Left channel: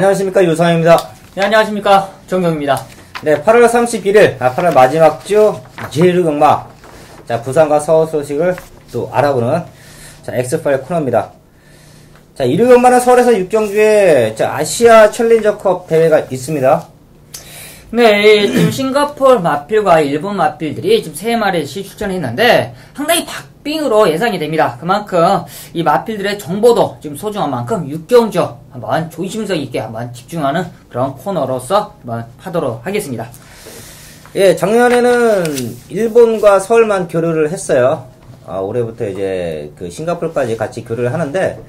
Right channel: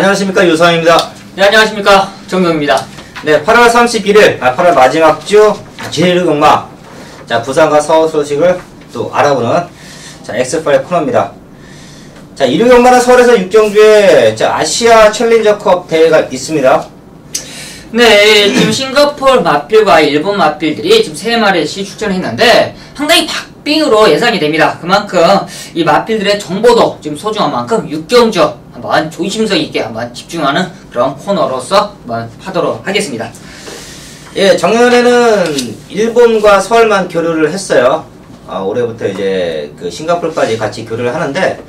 안녕하십니까, 유성입니다. 네, 안녕하십니까, 정경입니다. 네, 8월 31일 8월 마지막 주 제1경마, 자, 부산과 서울 소식을 또 알아보는 자, 엑스파일 코너입니다. 자, 1위 경마는 서울에서 6경주에 아시아 챌린저컵 대회가 있습니다. 네, 지금 싱가포르 마필과 일본 마필들이 지금 3마리씩 출전했는데 상당히 박빙으로 예상이 됩니다. 그만큼 이 마필들의 정보도 지금 소중한 만큼 6경주 한번 조심성 있게 한번 집중하는 그런 코너로서 한번 하도록 하겠습니다. 예, 작년에는 일본과 서울만 교류를 했어요. 올해부터 이제 그 싱가포르까지 같이 교류를 하는데,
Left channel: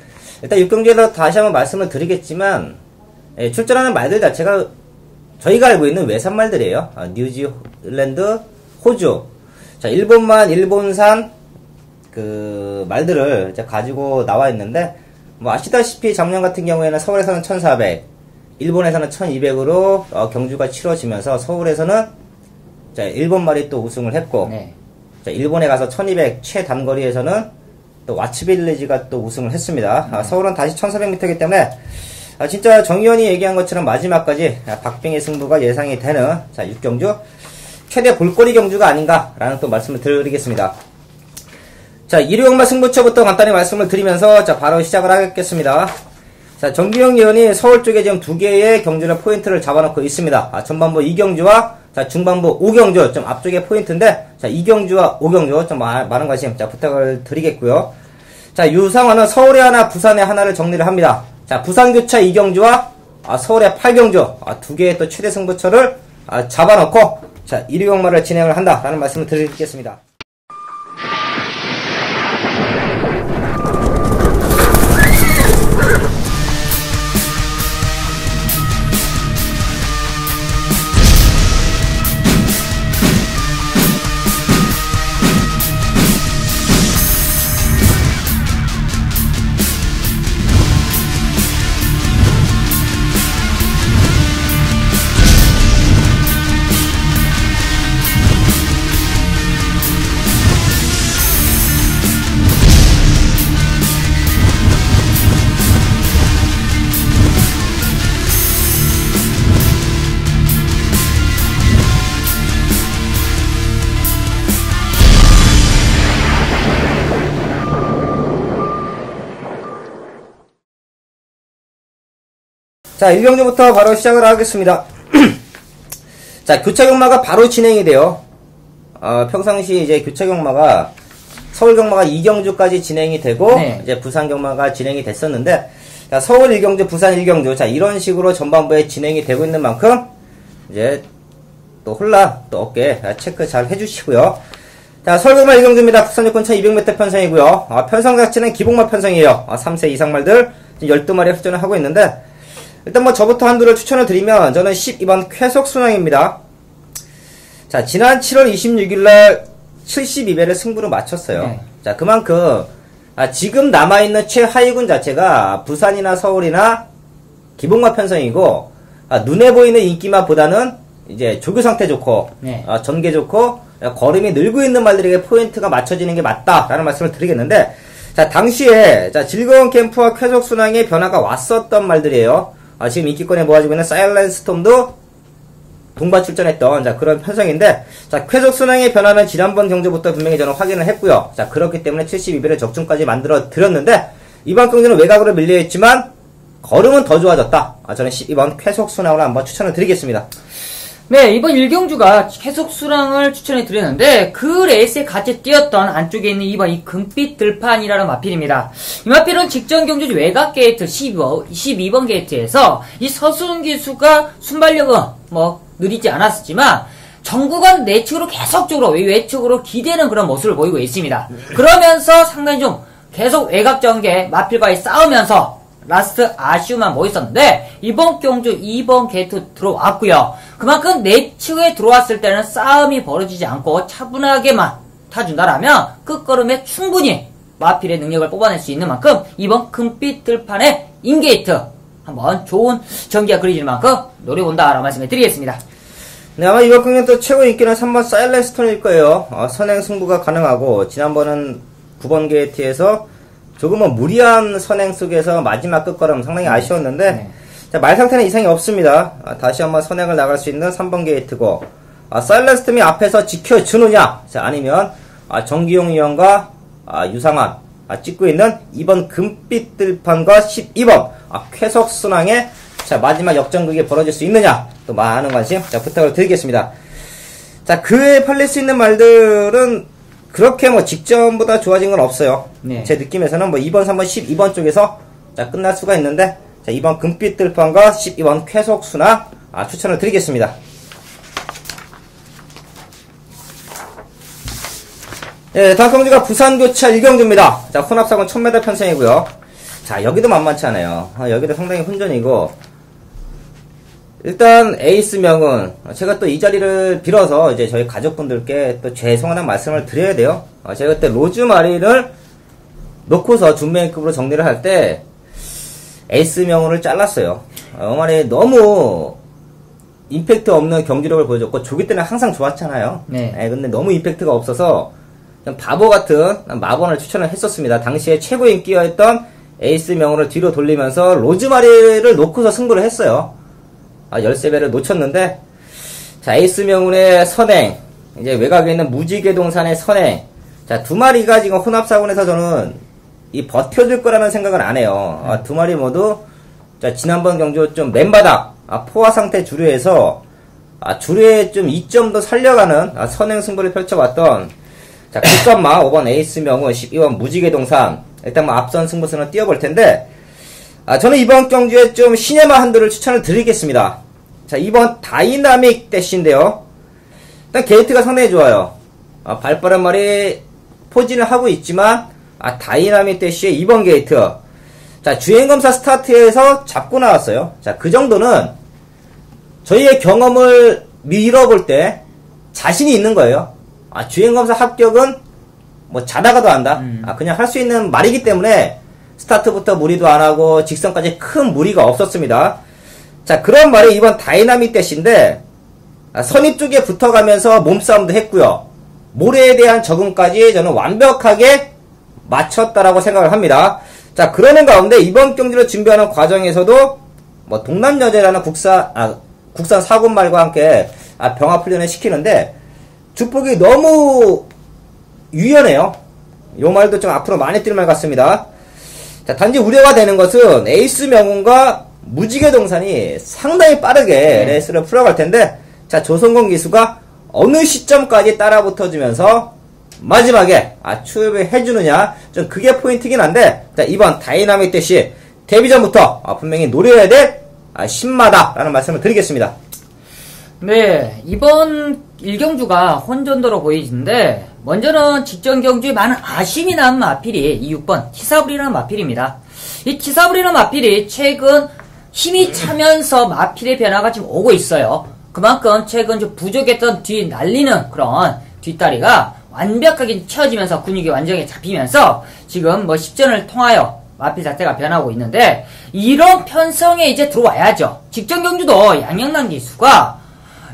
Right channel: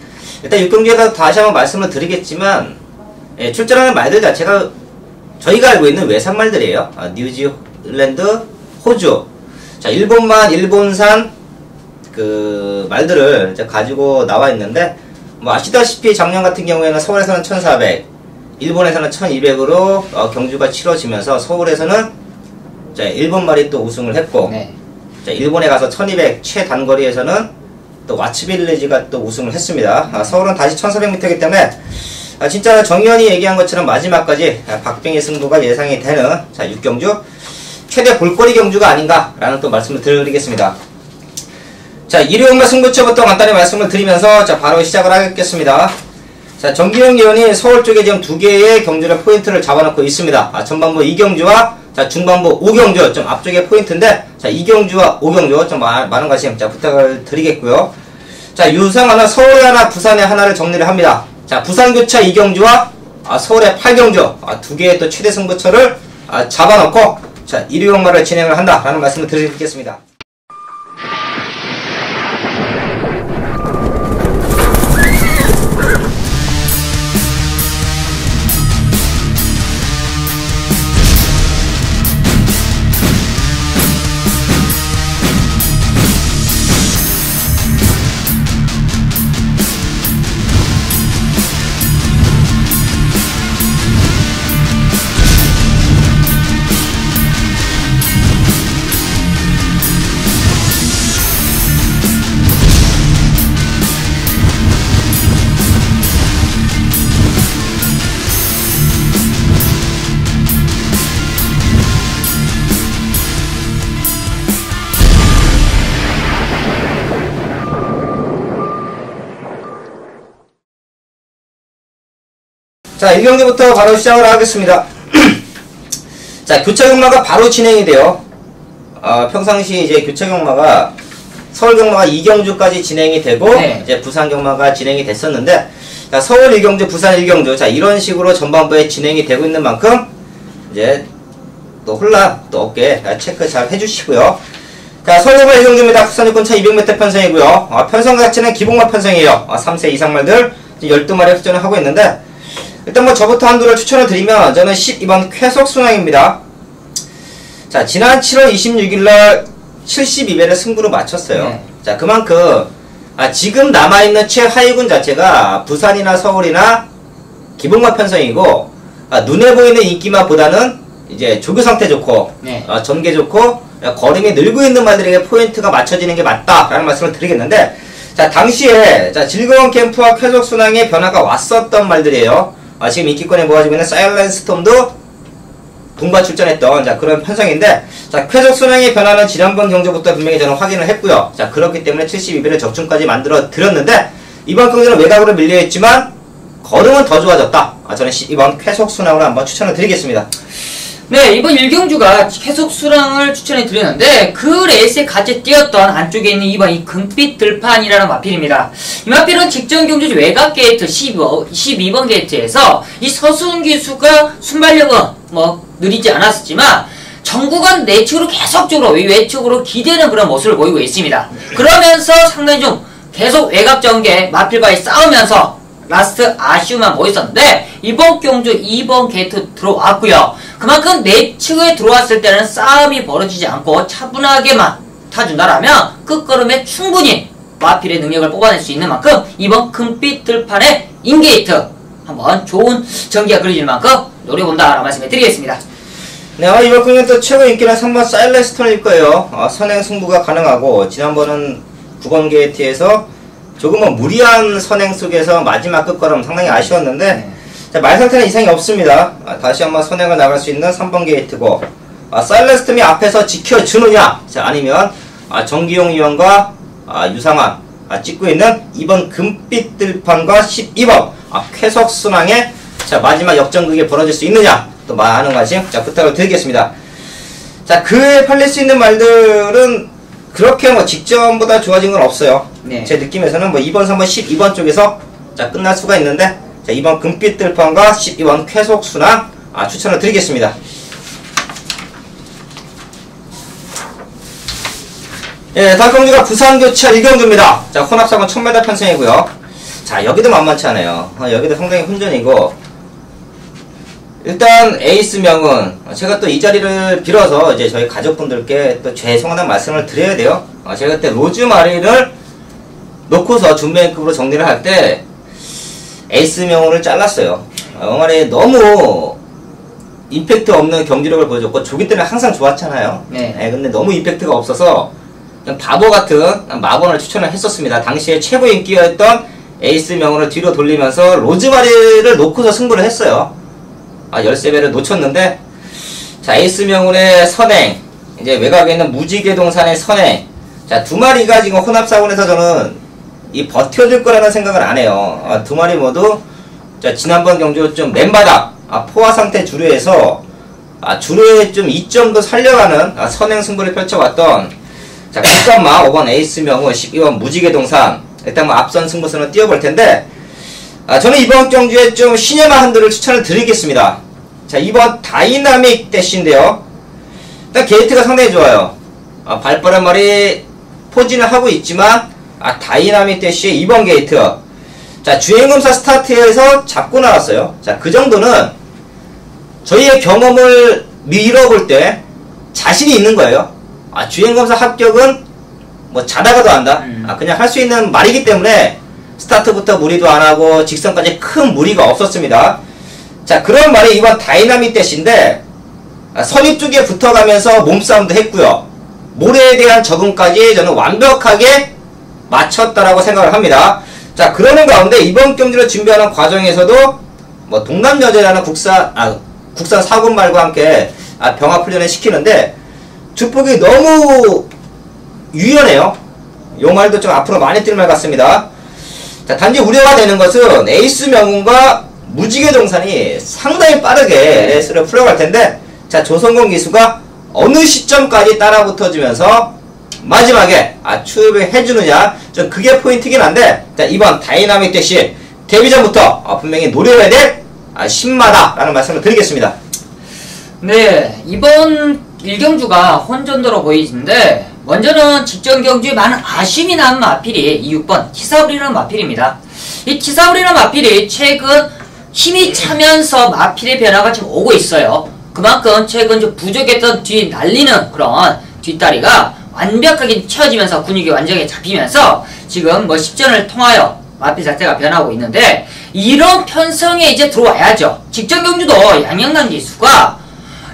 일단 6경주에서 다시 한번 말씀을 드리겠지만, 예, 출전하는 말들 자체가 저희가 알고 있는 외산말들이에요. 뉴질랜드, 호주. 자, 일본만, 일본산 그 말들을 이제 가지고 나와 있는데, 뭐 아시다시피 작년 같은 경우에는 서울에서는 1400, 일본에서는 1200으로 경주가 치러지면서 서울에서는 자, 일본말이 또 우승을 했고, 네. 자, 일본에 가서 1200 최단거리에서는 또 와츠빌리지가 또 우승을 했습니다. 서울은 다시 1400m이기 때문에 진짜 정의원이 얘기한 것처럼 마지막까지 박빙의 승부가 예상이 되는 자, 6경주 최대 볼거리 경주가 아닌가라는 또 말씀을 드리겠습니다. 자, 1위 경마 승부처부터 간단히 말씀을 드리면서 자, 바로 시작을 하겠습니다. 자, 정기영 의원이 서울 쪽에 지금 2개의 경주를 포인트를 잡아놓고 있습니다. 전반부 2경주와 자, 중반부 5경주 좀 앞쪽에 포인트인데, 자, 2경주와 5경주 좀 많은 관심 자, 부탁을 드리겠고요. 자, 유상화는 서울에 하나, 부산에 하나를 정리를 합니다. 자, 부산교차 2경주와 서울의 8경주 2개의 또 최대 승부처를 잡아놓고 자, 1위 경마를 진행을 한다라는 말씀을 드리겠습니다. 자, 1경기부터 바로 시작을 하겠습니다. 자, 교차 경마가 바로 진행이 돼요. 평상시 이제 교차 경마가 서울 경마가 2경주까지 진행이 되고, 네. 이제 부산 경마가 진행이 됐었는데, 자, 서울 1경주, 부산 1경주, 자, 이런 식으로 전반부에 진행이 되고 있는 만큼, 이제 또 혼란 또 없게 체크 잘 해주시고요. 자, 서울 경마 1경주입니다. 부산 요건차 200m 편성이고요. 편성 자체는 기복마 편성이에요. 3세 이상 말들 12마리 흡전을 하고 있는데, 일단 뭐 저부터 한두를 추천을 드리면 저는 12번 쾌속순항입니다. 자, 지난 7월 26일날 72배를 승부로 마쳤어요. 네. 자, 그만큼 지금 남아있는 최하위군 자체가 부산이나 서울이나 기복마 편성이고, 눈에 보이는 인기마보다는 이제 조교 상태 좋고, 네. 전개 좋고, 걸음이 늘고 있는 말들에게 포인트가 맞춰지는 게 맞다라는 말씀을 드리겠는데, 자, 당시에 자, 즐거운 캠프와 쾌속순항의 변화가 왔었던 말들이에요. 지금 인기권에 모아지고 있는 사일런스 스톰도 동반 출전했던 자, 그런 편성인데, 자, 쾌속순항의 변화는 지난번 경주부터 분명히 저는 확인을 했고요. 자, 그렇기 때문에 72배를 적중까지 만들어 드렸는데, 이번 경주는 외곽으로 밀려있지만 걸음은 더 좋아졌다. 저는 이번 쾌속순항으로 한번 추천을 드리겠습니다. 네, 이번 1경주가 쾌속순항을 추천해 드렸는데 그 레이스에 같이 뛰었던 안쪽에 있는 이번 이 금빛 들판이라는 마필입니다. 이 마필은 직전 경주 외곽 게이트 12번 게이트에서 이 서순 기수가 순발력은 뭐 느리지 않았지만 정구간 내측으로 계속적으로 외측으로 기대는 그런 모습을 보이고 있습니다. 그러면서 상당히 좀 계속 외곽 전개 마필과의 싸우면서 라스트 아쉬움만 모였었는데, 이번 경주 2번 게이트 들어왔고요. 그만큼 내측에 들어왔을 때는 싸움이 벌어지지 않고 차분하게만 타준다라면 끝걸음에 충분히 마필의 능력을 뽑아낼 수 있는 만큼 이번 금빛 들판의 인게이트 한번 좋은 전기가 그려질 만큼 노려본다라고 말씀해 드리겠습니다. 네, 아마 이번 경기는 또 최고 인기는 3번 사일런스 스톰일 거예요. 선행 승부가 가능하고, 지난번은 9번 게이트에서 조금은 무리한 선행 속에서 마지막 끝걸음 상당히 아쉬웠는데, 자, 말 상태는 이상이 없습니다. 다시 한번 선행을 나갈 수 있는 3번 게이트고, 사일런스톰이 앞에서 지켜주느냐, 자, 아니면 정기용 위원과 유상환 찍고 있는 2번 금빛 들판과 12번 쾌속순항의 자, 마지막 역전극이 벌어질 수 있느냐, 또 많은 관심 자, 부탁을 드리겠습니다. 자, 그 외에 팔릴 수 있는 말들은 그렇게 뭐 직전보다 좋아진 건 없어요. 네. 제 느낌에서는 뭐 2번, 3번, 12번 쪽에서 자, 끝날 수가 있는데, 자, 2번 금빛 들판과 12번 쾌속순항 추천을 드리겠습니다. 예, 다음 경기가 부산교차 1경주입니다. 자, 혼합상은 1000m 편성이고요. 자, 여기도 만만치 않아요. 여기도 상당히 혼전이고, 일단 에이스 명은 제가 또 이 자리를 빌어서 이제 저희 가족분들께 또 죄송하다는 말씀을 드려야 돼요. 제가 그때 로즈마리를 놓고서 준비행급으로 정리를 할 때 에이스 명운을 잘랐어요. 영화에 너무 임팩트 없는 경기력을 보여줬고, 조기 때는 항상 좋았잖아요. 네. 근데 너무 임팩트가 없어서 그냥 바보 같은 마건을 추천을 했었습니다. 당시에 최고 인기였던 에이스 명운을 뒤로 돌리면서 로즈마리를 놓고서 승부를 했어요. 13배를 놓쳤는데, 자, 에이스 명운의 선행, 이제 외곽에 있는 무지개동산의 선행, 자, 두 마리가 지금 혼합사군에서 저는 이 버텨줄 거라는 생각을 안 해요. 두 마리 모두 자, 지난번 경주 좀 맨바닥 포화 상태 주류에서 주류에 좀 이점도 살려가는 선행 승부를 펼쳐왔던 자, 국감마 5번 에이스 명운, 12번 무지개동산, 일단 뭐 앞선 승부수는 띄워볼 텐데, 저는 이번 경주에 좀 시네마 한들을 추천을 드리겠습니다. 자, 2번 다이나믹 대시인데요. 일단 게이트가 상당히 좋아요. 발빠른 말이 포진을 하고 있지만, 다이나믹 대시의 2번 게이트. 자, 주행검사 스타트에서 잡고 나왔어요. 자, 그 정도는 저희의 경험을 밀어볼 때 자신이 있는 거예요. 주행검사 합격은 뭐 자다가도 한다. 그냥 할 수 있는 말이기 때문에 스타트부터 무리도 안하고 직선까지 큰 무리가 없었습니다. 자, 그런 말이 이번 다이나믹 대시인데, 선입 쪽에 붙어가면서 몸싸움도 했고요. 모래에 대한 적응까지 저는 완벽하게 맞췄다라고 생각을 합니다. 자, 그러는 가운데 이번 경기를 준비하는 과정에서도 뭐 동남여제라는 국산 사군말과 함께 병합훈련을 시키는데, 주폭이 너무 유연해요. 요 말도 좀 앞으로 많이 뛸 말 같습니다. 자, 단지 우려가 되는 것은 에이스 명운과 무지개동산이 상당히 빠르게 레이스를 풀어갈 텐데, 자, 조성공 기수가 어느 시점까지 따라붙어주면서 마지막에 추협을 해주느냐, 좀 그게 포인트긴 한데, 자, 이번 다이나믹 대시 데뷔 전부터 분명히 노려야 될 신마다라는 말씀을 드리겠습니다. 네, 이번 1경주가 혼전도로 보이는데, 먼저는 직전 경주에 많은 아쉬움이 남은 마필이 이 6번 티사브리라는 마필입니다. 이 티사브리라는 마필이 최근 힘이 차면서 마필의 변화가 지금 오고 있어요. 그만큼 최근 좀 부족했던 뒤 날리는 그런 뒷다리가 완벽하게 채워지면서 근육이 완전히 잡히면서 지금 뭐 10전을 통하여 마필 자체가 변하고 있는데, 이런 편성에 이제 들어와야죠. 직전 경주도 양영남 기수가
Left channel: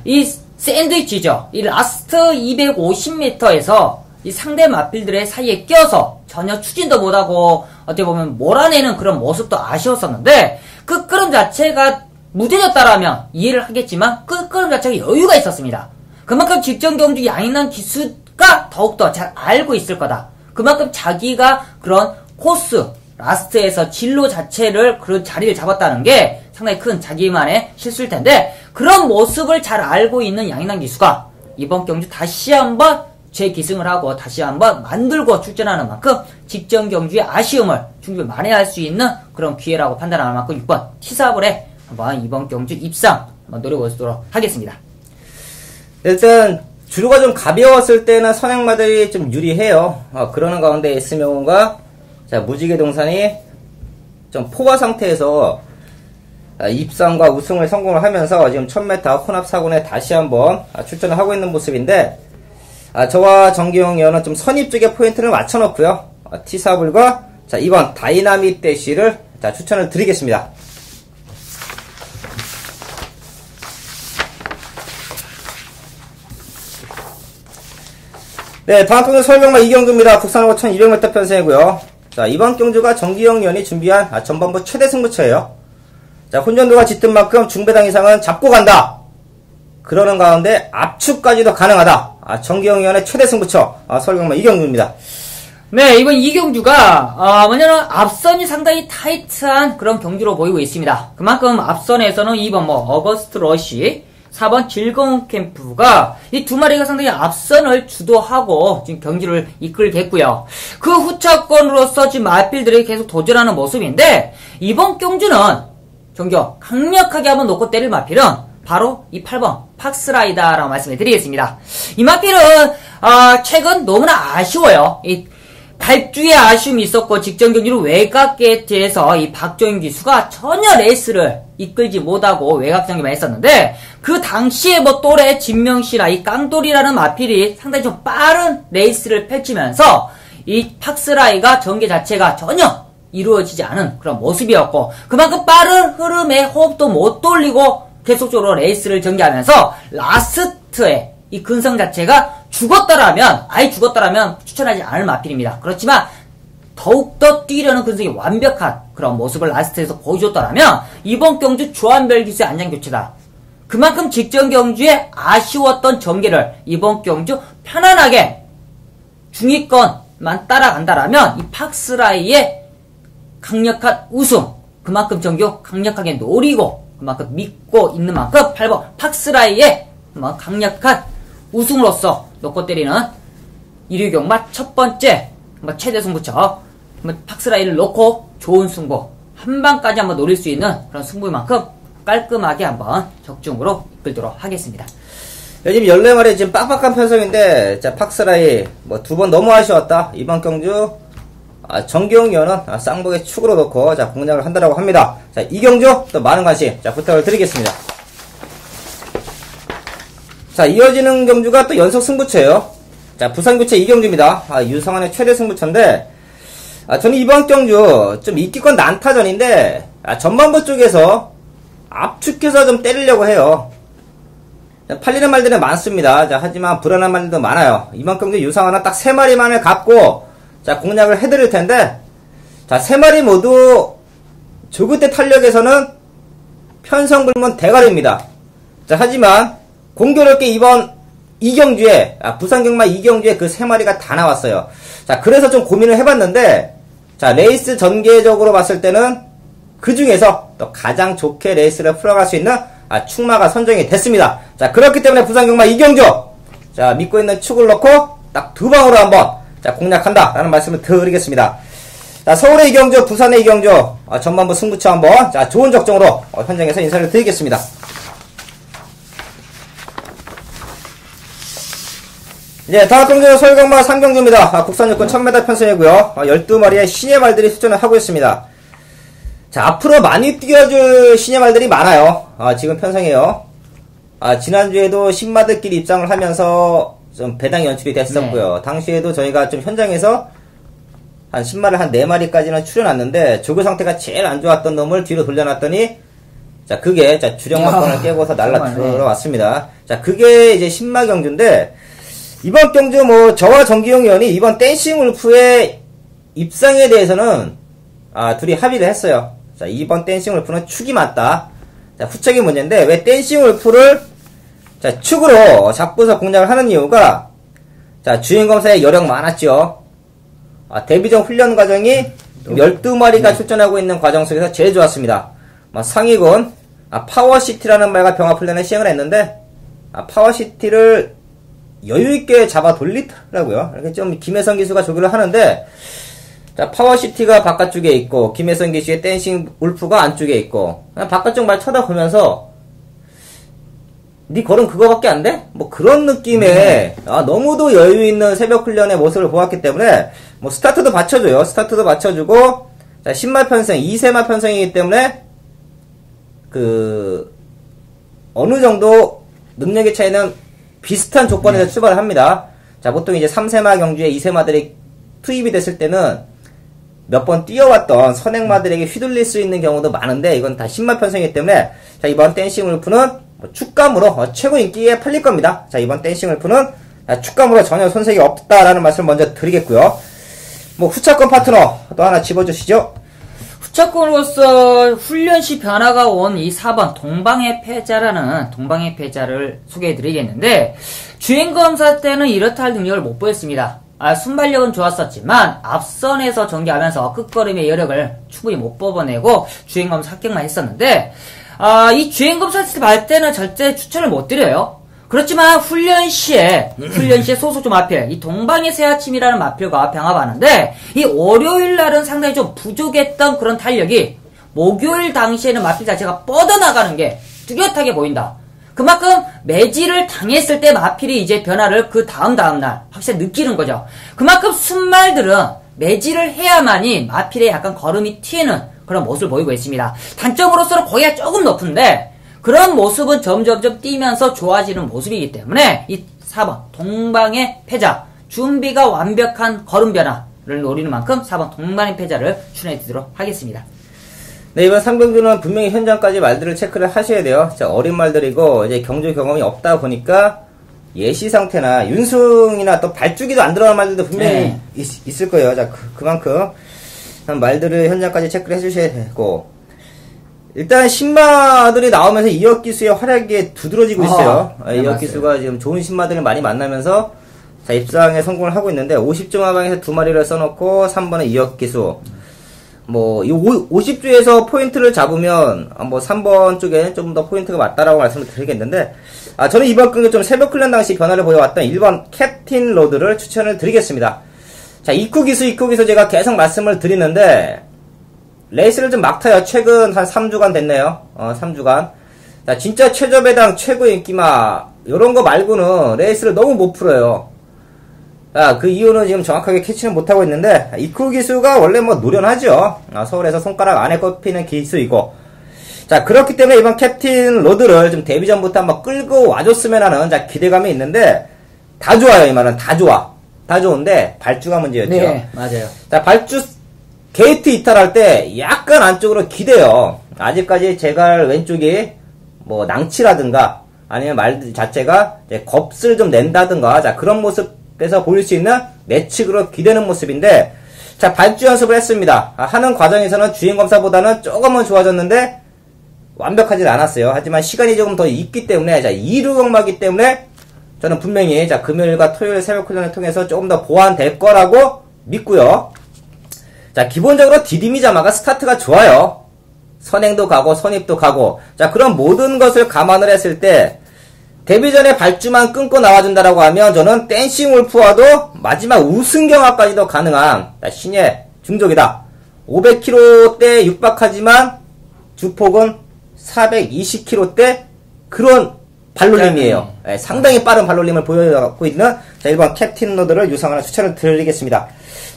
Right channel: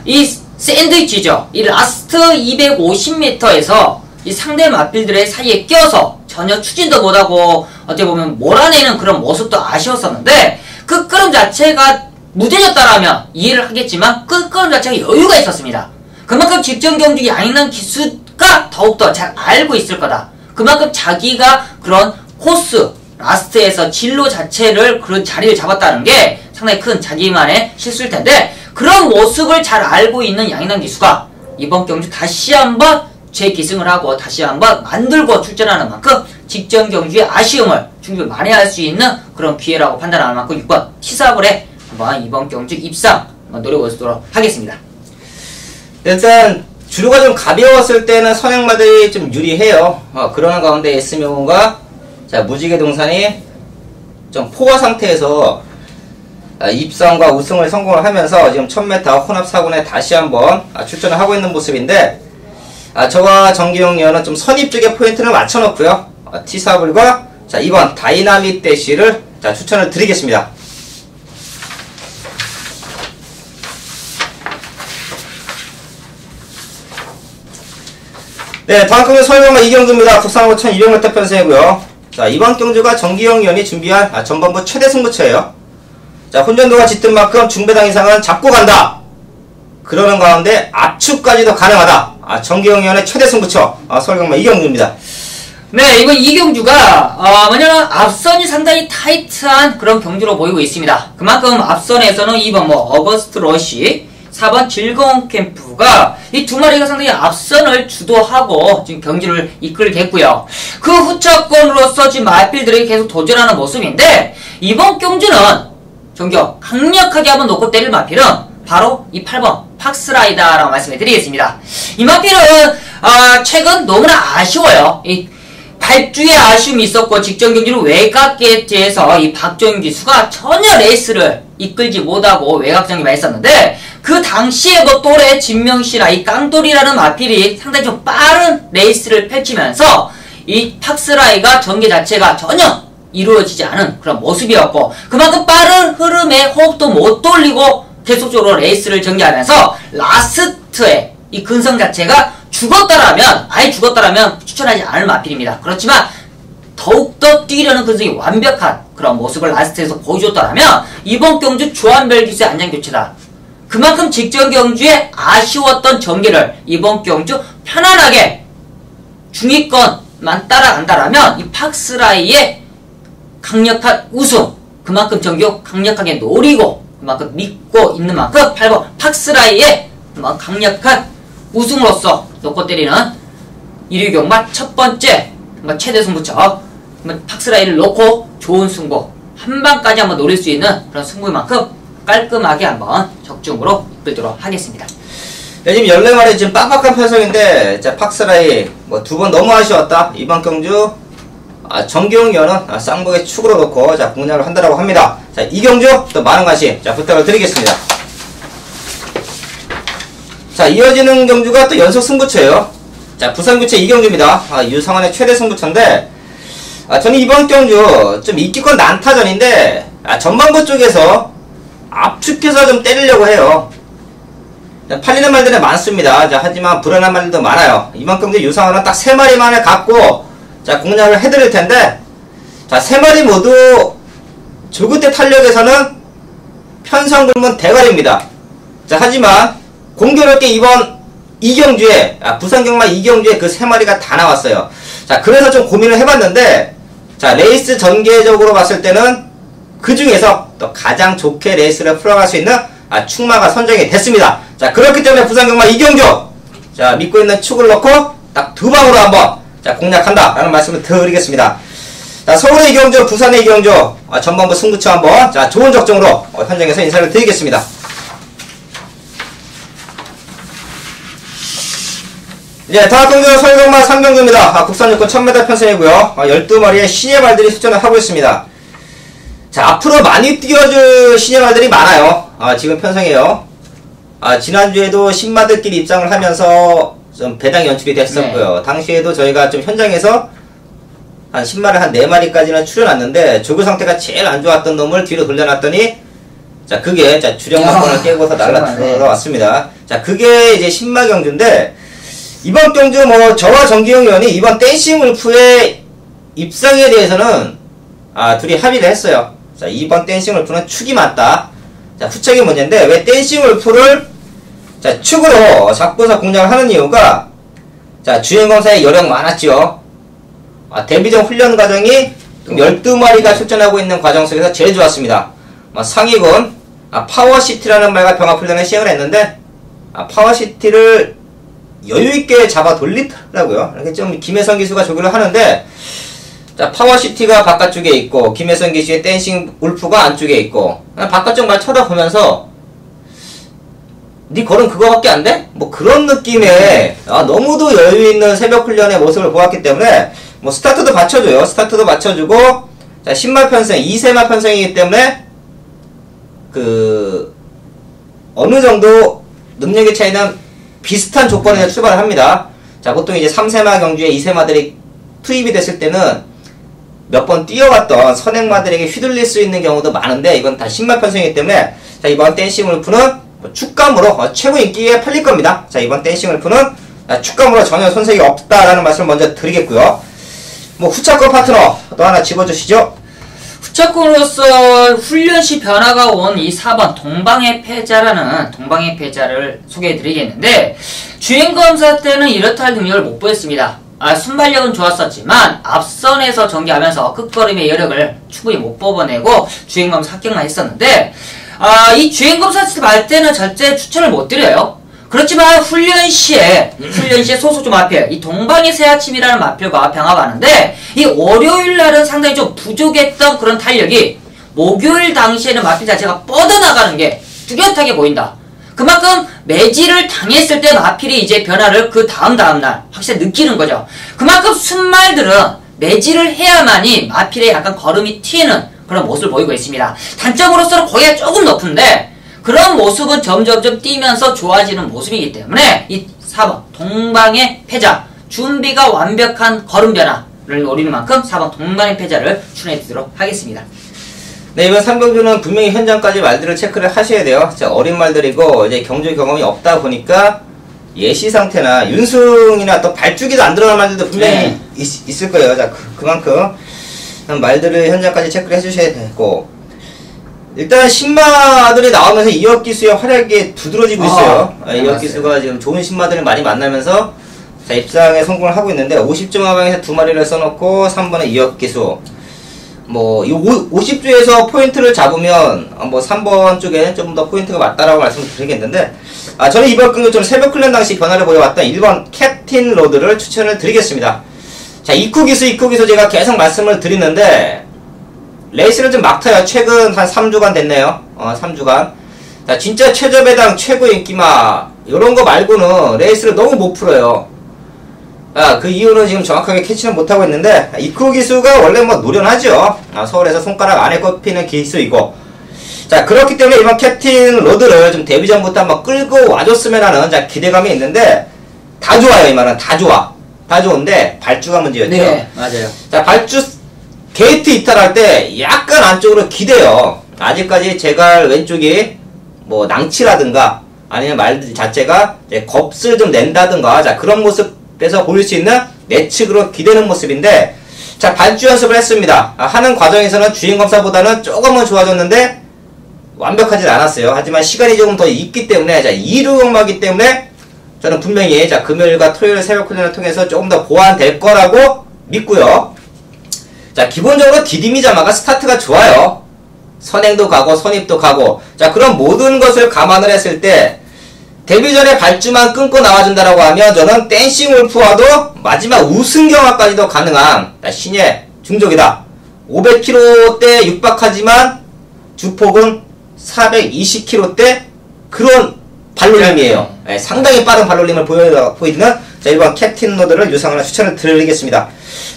이 샌드위치죠. 이 라스트 250m에서 이 상대 마필들의 사이에 껴서 전혀 추진도 못하고 어떻게 보면 몰아내는 그런 모습도 아쉬웠었는데, 그 끄름 자체가 무뎌졌다라면 이해를 하겠지만 그 끄름 자체가 여유가 있었습니다. 그만큼 직전 경주 양인남 기수가 더욱더 잘 알고 있을 거다. 그만큼 자기가 그런 코스 라스트에서 진로 자체를 그런 자리를 잡았다는 게 상당히 큰 자기만의 실수일 텐데, 그런 모습을 잘 알고 있는 양인남 기수가 이번 경주 다시 한번 재기승을 하고 다시 한번 만들고 출전하는 만큼 직전 경주의 아쉬움을 충분히 만회할 수 있는 그런 기회라고 판단하는 만큼 6번 티사블에 한번 이번 경주 입상 한번 노려보도록 하겠습니다. 일단 주류가 좀 가벼웠을 때는 선행마들이 좀 유리해요. 그러는 가운데 S명호가 자, 무지개동산이 좀 포화 상태에서 입상과 우승을 성공을 하면서 지금 1000m 혼합사군에 다시 한번 출전을 하고 있는 모습인데, 저와 정기영 위원은 좀 선입 쪽에 포인트를 맞춰놓고요. 티사블과 자, 이번 다이나믹 대시를 자, 추천을 드리겠습니다. 네, 다음 경주 서울병마 이경주입니다. 국산하고 1200m 편성이고요. 자, 이번 경주가 정기영 위원이 준비한 전반부 최대 승부처예요. 자, 혼전도가 짙은 만큼 중배당 이상은 잡고 간다. 그러는 가운데 압축까지도 가능하다. 정기영위원의 최대 승부처 서울경마 이경주입니다. 네, 이번 이경주가 뭐냐면 앞선이 상당히 타이트한 그런 경주로 보이고 있습니다. 그만큼 앞선에서는 2번 어거스트 러시, 4번 즐거운 캠프가 이 두 마리가 상당히 앞선을 주도하고 지금 경주를 이끌겠고요. 그 후차권으로서 지금 마필들이 계속 도전하는 모습인데, 이번 경주는 정겨 강력하게 한번 놓고 때릴 마필은 바로 이 8번 팍스라이다라고 말씀을 드리겠습니다. 이 마필은 최근 너무나 아쉬워요. 이 발주에 아쉬움이 있었고 직전 경기는 외곽 게이트에서 이 박정인 기수가 전혀 레이스를 이끌지 못하고 외곽장기만 했었는데, 그 당시에 또래 진명씨나 이 깡돌이라는 마필이 상당히 좀 빠른 레이스를 펼치면서 이 팍스라이가 전개 자체가 전혀 이루어지지 않은 그런 모습이었고, 그만큼 빠른 흐름에 호흡도 못 돌리고 계속적으로 레이스를 전개하면서 라스트에 이 근성 자체가 아예 죽었다라면 추천하지 않을 마필입니다. 그렇지만 더욱더 뛰려는 근성이 완벽한 그런 모습을 라스트에서 보여줬다라면 이번 경주 조한별 기수의 안장교체다. 그만큼 직전 경주에 아쉬웠던 전개를 이번 경주 편안하게 중위권만 따라간다라면 이 팍스라이의 강력한 우승, 그만큼 정규 강력하게 노리고 그만큼 믿고 있는 만큼 8번 팍스라이의 강력한 우승으로서 놓고 때리는 1위 경마 첫 번째 최대 승부처 팍스라이를 놓고 좋은 승부 한 방까지 한번 노릴 수 있는 그런 승부인 만큼 깔끔하게 한번 적중으로 이끌도록 하겠습니다. 네, 지금 14마리 지금 빡빡한 편성인데, 자, 팍스라이 두 번 너무 아쉬웠다. 이번 경주 정기영위원은 쌍복의 축으로 놓고 공략을 한다라고 합니다. 자, 이 경주 또 많은 관심 부탁을 드리겠습니다. 자, 이어지는 경주가 또 연속 승부처예요. 자, 부산구체 이경주입니다. 유성환의 최대 승부처인데, 저는 이번 경주 좀 이기권 난타전인데, 전반부 쪽에서 압축해서 좀 때리려고 해요. 팔리는 말들은 많습니다. 자, 하지만 불안한 말들도 많아요. 이번 경주 유성환은 딱 3마리만을 갖고 공략을 해드릴 텐데, 자, 3마리 모두 조그때 탄력에서는 편성불문 대가리입니다. 자, 하지만 공교롭게 이번 이경주에 부산경마 이경주에 그 3마리가 다 나왔어요. 자, 그래서 좀 고민을 해봤는데, 자, 레이스 전개적으로 봤을 때는 그 중에서 또 가장 좋게 레이스를 풀어갈 수 있는 축마가 선정이 됐습니다. 자, 그렇기 때문에 부산경마 이경주, 자, 믿고 있는 축을 넣고 딱 2방으로 한번 공략한다 라는 말씀을 드리겠습니다. 자, 서울의 이경주, 부산의 이경주 전반부 승부처 한번 좋은 적정으로 현장에서 인사를 드리겠습니다. 이제 다음 경주 서울경마 3경주입니다. 국산 육군 1000m 편성이고요. 12마리의 신예 말들이 출전을 하고 있습니다. 자, 앞으로 많이 뛰어줄 신예 말들이 많아요. 지금 편성이에요. 지난주에도 신마들끼리 입장을 하면서 좀 배당이 연출이 됐었고요. 네. 당시에도 저희가 좀 현장에서 한 10마리 한 4마리까지는 출연했는데, 조교 상태가 제일 안 좋았던 놈을 뒤로 돌려놨더니, 자, 그게 주력마권을 깨고서 날라 들어왔습니다. 자, 그게 이제 신마 경주인데, 이번 경주 저와 정기영 의원이 이번 댄싱 울프의 입상에 대해서는 둘이 합의를 했어요. 자, 이번 댄싱 울프는 축이 맞다. 자, 후적인 문제인데, 왜 댄싱 울프를 축으로 잡고서 공략을 하는 이유가, 자, 주행검사에 여력 많았죠. 데뷔전 훈련 과정이 12마리가 출전하고 있는 과정 속에서 제일 좋았습니다. 상위군 파워시티라는 말과 병합훈련을 시행을 했는데, 파워시티를 여유있게 잡아 돌리더라고요. 이렇게 좀 김혜선 기수가 조교를 하는데, 자, 파워시티가 바깥쪽에 있고 김혜선 기수의 댄싱 울프가 안쪽에 있고, 바깥쪽만 쳐다보면서 니 걸음 그거밖에 안 돼? 그런 느낌의 너무도 여유있는 새벽훈련의 모습을 보았기 때문에 스타트도 받쳐줘요. 스타트도 받쳐주고, 자, 신마 편성 2세마 편성이기 때문에 어느 정도 능력의 차이는 비슷한 조건에서 출발을 합니다. 자, 보통 이제 3세마 경주에 2세마들이 투입이 됐을 때는 몇 번 뛰어왔던 선행마들에게 휘둘릴 수 있는 경우도 많은데, 이건 다 신마 편성이기 때문에, 자, 이번 댄싱 울프는 축감으로 최고 인기에 팔릴 겁니다. 자, 이번 댄싱 울프는 축감으로 전혀 손색이 없다라는 말씀을 먼저 드리겠고요. 후차권 파트너 또 하나 집어주시죠. 추적으로서 훈련 시 변화가 온 이 4번 동방의 패자라는 동방의 패자를 소개해드리겠는데, 주행검사 때는 이렇다 할 능력을 못 보였습니다. 순발력은 좋았었지만 앞선에서 전개하면서 끝걸음의 여력을 충분히 못 뽑아내고 주행검사 합격만 했었는데, 이 주행검사 할 때는 절대 추천을 못 드려요. 그렇지만 훈련 시에 소수 좀 마필, 이 동방의 새아침이라는 마필과 병합하는데, 이 월요일 날은 상당히 좀 부족했던 그런 탄력이 목요일 당시에는 마필 자체가 뻗어나가는 게 뚜렷하게 보인다. 그만큼 매질을 당했을 때 마필이 이제 변화를 그 다음날 확실히 느끼는 거죠. 그만큼 순말들은 매질을 해야만이 마필의 약간 걸음이 튀는 그런 모습을 보이고 있습니다. 단점으로서는 거기가 조금 높은데, 그런 모습은 점점점 뛰면서 좋아지는 모습이기 때문에 이 4번 동방의 패자, 준비가 완벽한 걸음 변화를 노리는 만큼 4번 동방의 패자를 추천해드리도록 하겠습니다. 네, 이번 3경주는 분명히 현장까지 말들을 체크를 하셔야 돼요. 자, 어린 말들이고 이제 경주 경험이 없다 보니까 예시 상태나 윤승이나 또 발주기도 안 들어간 말들도 분명히 있을 거예요. 자, 그만큼 말들을 현장까지 체크를 해주셔야 되고, 일단 신마들이 나오면서 이혁기수의 활약이 두드러지고 있어요. 이혁기수가 지금 좋은 신마들을 많이 만나면서 자, 입상에 성공을 하고 있는데, 50점 하방에서 2마리를 써놓고 3번은 이혁기수. 뭐, 이 50주에서 포인트를 잡으면, 뭐, 3번 쪽에 좀 더 포인트가 맞다라고 말씀을 드리겠는데, 저는 이번 경기 좀 새벽 클랜 당시 변화를 보여왔던 1번 캡틴 로드를 추천을 드리겠습니다. 자, 입구기수 제가 계속 말씀을 드리는데, 레이스를 좀 막 타요. 최근 한 3주간 됐네요. 3주간. 자, 진짜 최저배당 최고 인기마, 요런 거 말고는 레이스를 너무 못 풀어요. 그 이유는 지금 정확하게 캐치는 못하고 있는데, 이쿠 기수가 원래 뭐 노련하죠. 서울에서 손가락 안에 꼽히는 기수이고, 자, 그렇기 때문에 이번 캡틴 로드를 좀 데뷔전부터 한번 끌고 와줬으면 하는 자, 기대감이 있는데, 다 좋아요. 이 말은 다 좋아. 다 좋은데 발주가 문제였죠. 네, 맞아요. 자, 발주 게이트 이탈할 때 약간 안쪽으로 기대요. 아직까지 제갈 왼쪽이 뭐 낭치라든가 아니면 말 자체가 이제 겁을 좀 낸다든가, 자, 그런 모습에서 보일 수 있는 내측으로 기대는 모습인데, 자, 발주 연습을 했습니다. 하는 과정에서는 주행검사보다는 조금은 좋아졌는데 완벽하진 않았어요. 하지만 시간이 조금 더 있기 때문에, 자, 2루 경마기 때문에 저는 분명히 자, 금요일과 토요일 새벽 훈련을 통해서 조금 더 보완될 거라고 믿고요. 자, 기본적으로 디디미자마가 스타트가 좋아요. 선행도 가고 선입도 가고, 자, 그런 모든 것을 감안을 했을 때 데뷔 전에 발주만 끊고 나와준다라고 하면 저는 댄싱 울프와도 마지막 우승 경화까지도 가능한 신예 중족이다. 500km대 육박하지만 주폭은 420km대 그런 발놀림이에요. 네, 상당히 빠른 발놀림을 보이는 자, 1번 캡틴 로드를 유상하나 추천을 드리겠습니다.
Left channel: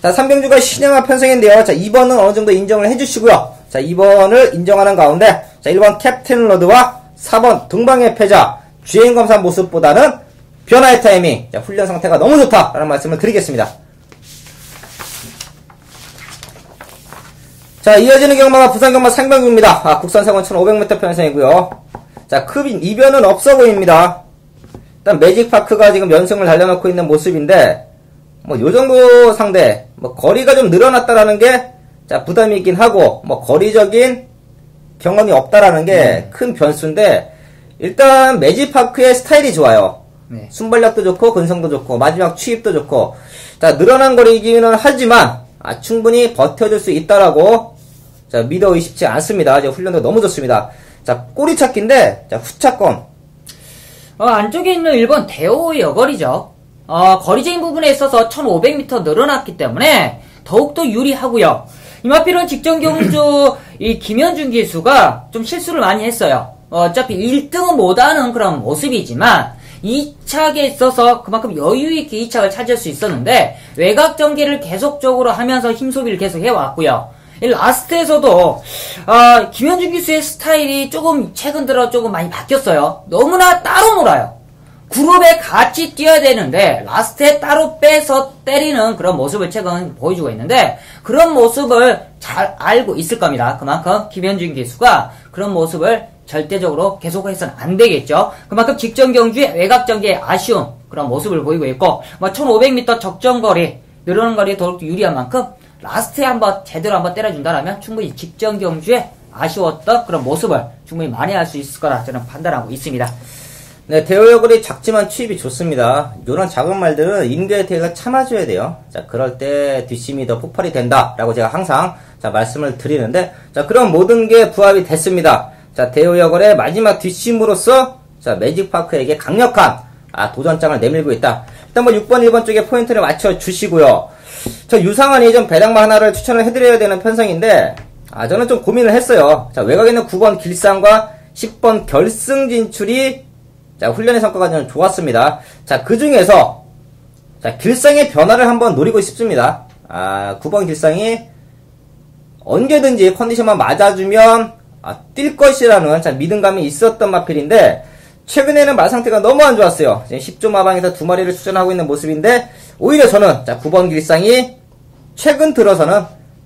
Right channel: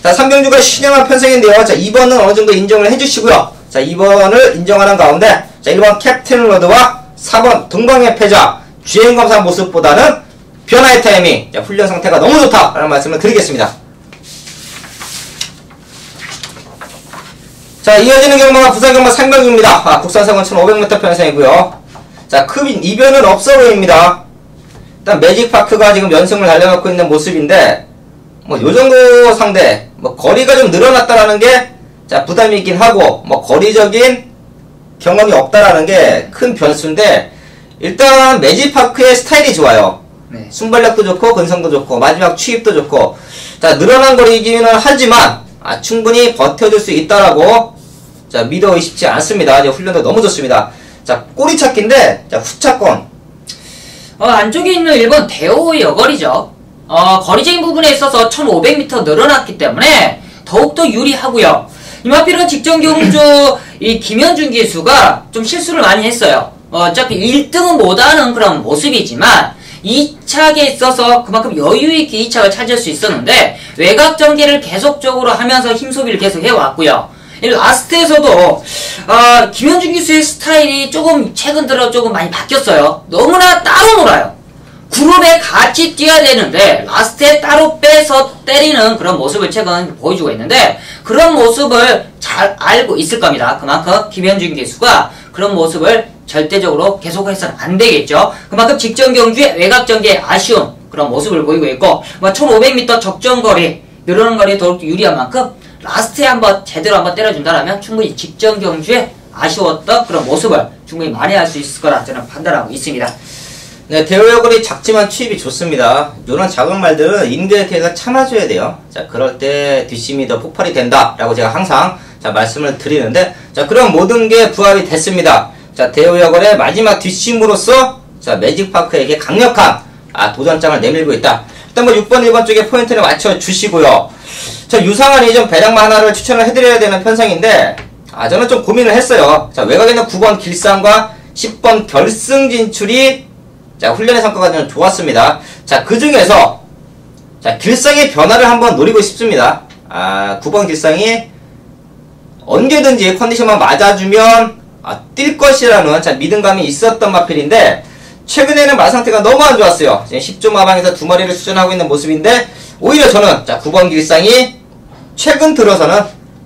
자, 3경주가 신형한 편성인데요. 자, 2번은 어느 정도 인정을 해주시고요. 자, 2번을 인정하는 가운데, 자, 1번 캡틴 로드와 4번 동방의 패자, 주행검사 모습보다는 변화의 타이밍, 자, 훈련 상태가 너무 좋다라는 말씀을 드리겠습니다. 자, 이어지는 경마가 부산 경마 3경주입니다. 국산성은 1500m 편성이고요. 자, 큰 이변은 없어 보입니다. 일단 매직파크가 지금 연승을 달려놓고 있는 모습인데, 뭐 요정도 상대, 뭐 거리가 좀 늘어났다라는 게 자, 부담이 있긴 하고, 뭐 거리적인 경험이 없다라는 게 큰 변수인데, 일단 매직파크의 스타일이 좋아요. 네. 순발력도 좋고 근성도 좋고 마지막 추입도 좋고, 자, 늘어난 거리기는 하지만 충분히 버텨줄 수 있다라고 자, 믿어 의심치 않습니다. 이제 훈련도 너무 좋습니다. 자, 꼬리 찾기인데, 자, 후차권. 안쪽에 있는 1번 대호 여거리죠. 거리적인 부분에 있어서 1500m 늘어났기 때문에 더욱더 유리하고요. 이마필은 직전 경주 이 김현준 기수가 좀 실수를 많이 했어요. 어차피 1등은 못하는 그런 모습이지만 2착에 있어서 그만큼 여유있게 2착을 찾을 수 있었는데, 외곽 전개를 계속적으로 하면서 힘소비를 계속 해왔고요. 이 라스트에서도 김현준 기수의 스타일이 조금 최근 들어 조금 많이 바뀌었어요. 너무나 따로 놀아요. 그룹에 같이 뛰어야 되는데 라스트에 따로 빼서 때리는 그런 모습을 최근 보여주고 있는데, 그런 모습을 잘 알고 있을 겁니다. 그만큼 김현준 기수가 그런 모습을 절대적으로 계속해서는 안 되겠죠. 그만큼 직전 경주에 외곽 전개에 아쉬운 그런 모습을 보이고 있고, 1500m 적정거리, 이런 거리에 더욱더 유리한 만큼 라스트에 한번 제대로 한번 때려준다라면 충분히 직전 경주에 아쉬웠던 그런 모습을 충분히 만회할 수 있을 거라 저는 판단하고 있습니다. 네, 대우여걸이 작지만 투입이 좋습니다. 이런 작은 말들은 인근에 대해서 참아줘야 돼요. 자, 그럴 때 뒷심이 더 폭발이 된다라고 제가 항상 자 말씀을 드리는데, 자 그럼 모든 게 부합이 됐습니다. 자, 대우여걸의 마지막 뒷심으로서 자 매직파크에게 강력한 도전장을 내밀고 있다. 일단 뭐 6번, 1번 쪽에 포인트를 맞춰 주시고요. 저 유상한 이전 배당마 하나를 추천을 해드려야 되는 편성인데, 저는 좀 고민을 했어요. 자, 외곽에는 9번 길상과 10번 결승 진출이 자, 훈련의 성과가 좀 좋았습니다. 자, 그 중에서 자, 길상의 변화를 한번 노리고 싶습니다. 9번 길상이 언제든지 컨디션만 맞아주면 뛸 것이라는 자, 믿음감이 있었던 마필인데, 최근에는 말 상태가 너무 안 좋았어요. 지금 10조 마방에서 2마리를 추천하고 있는 모습인데, 오히려 저는 자, 9번 길상이 최근 들어서는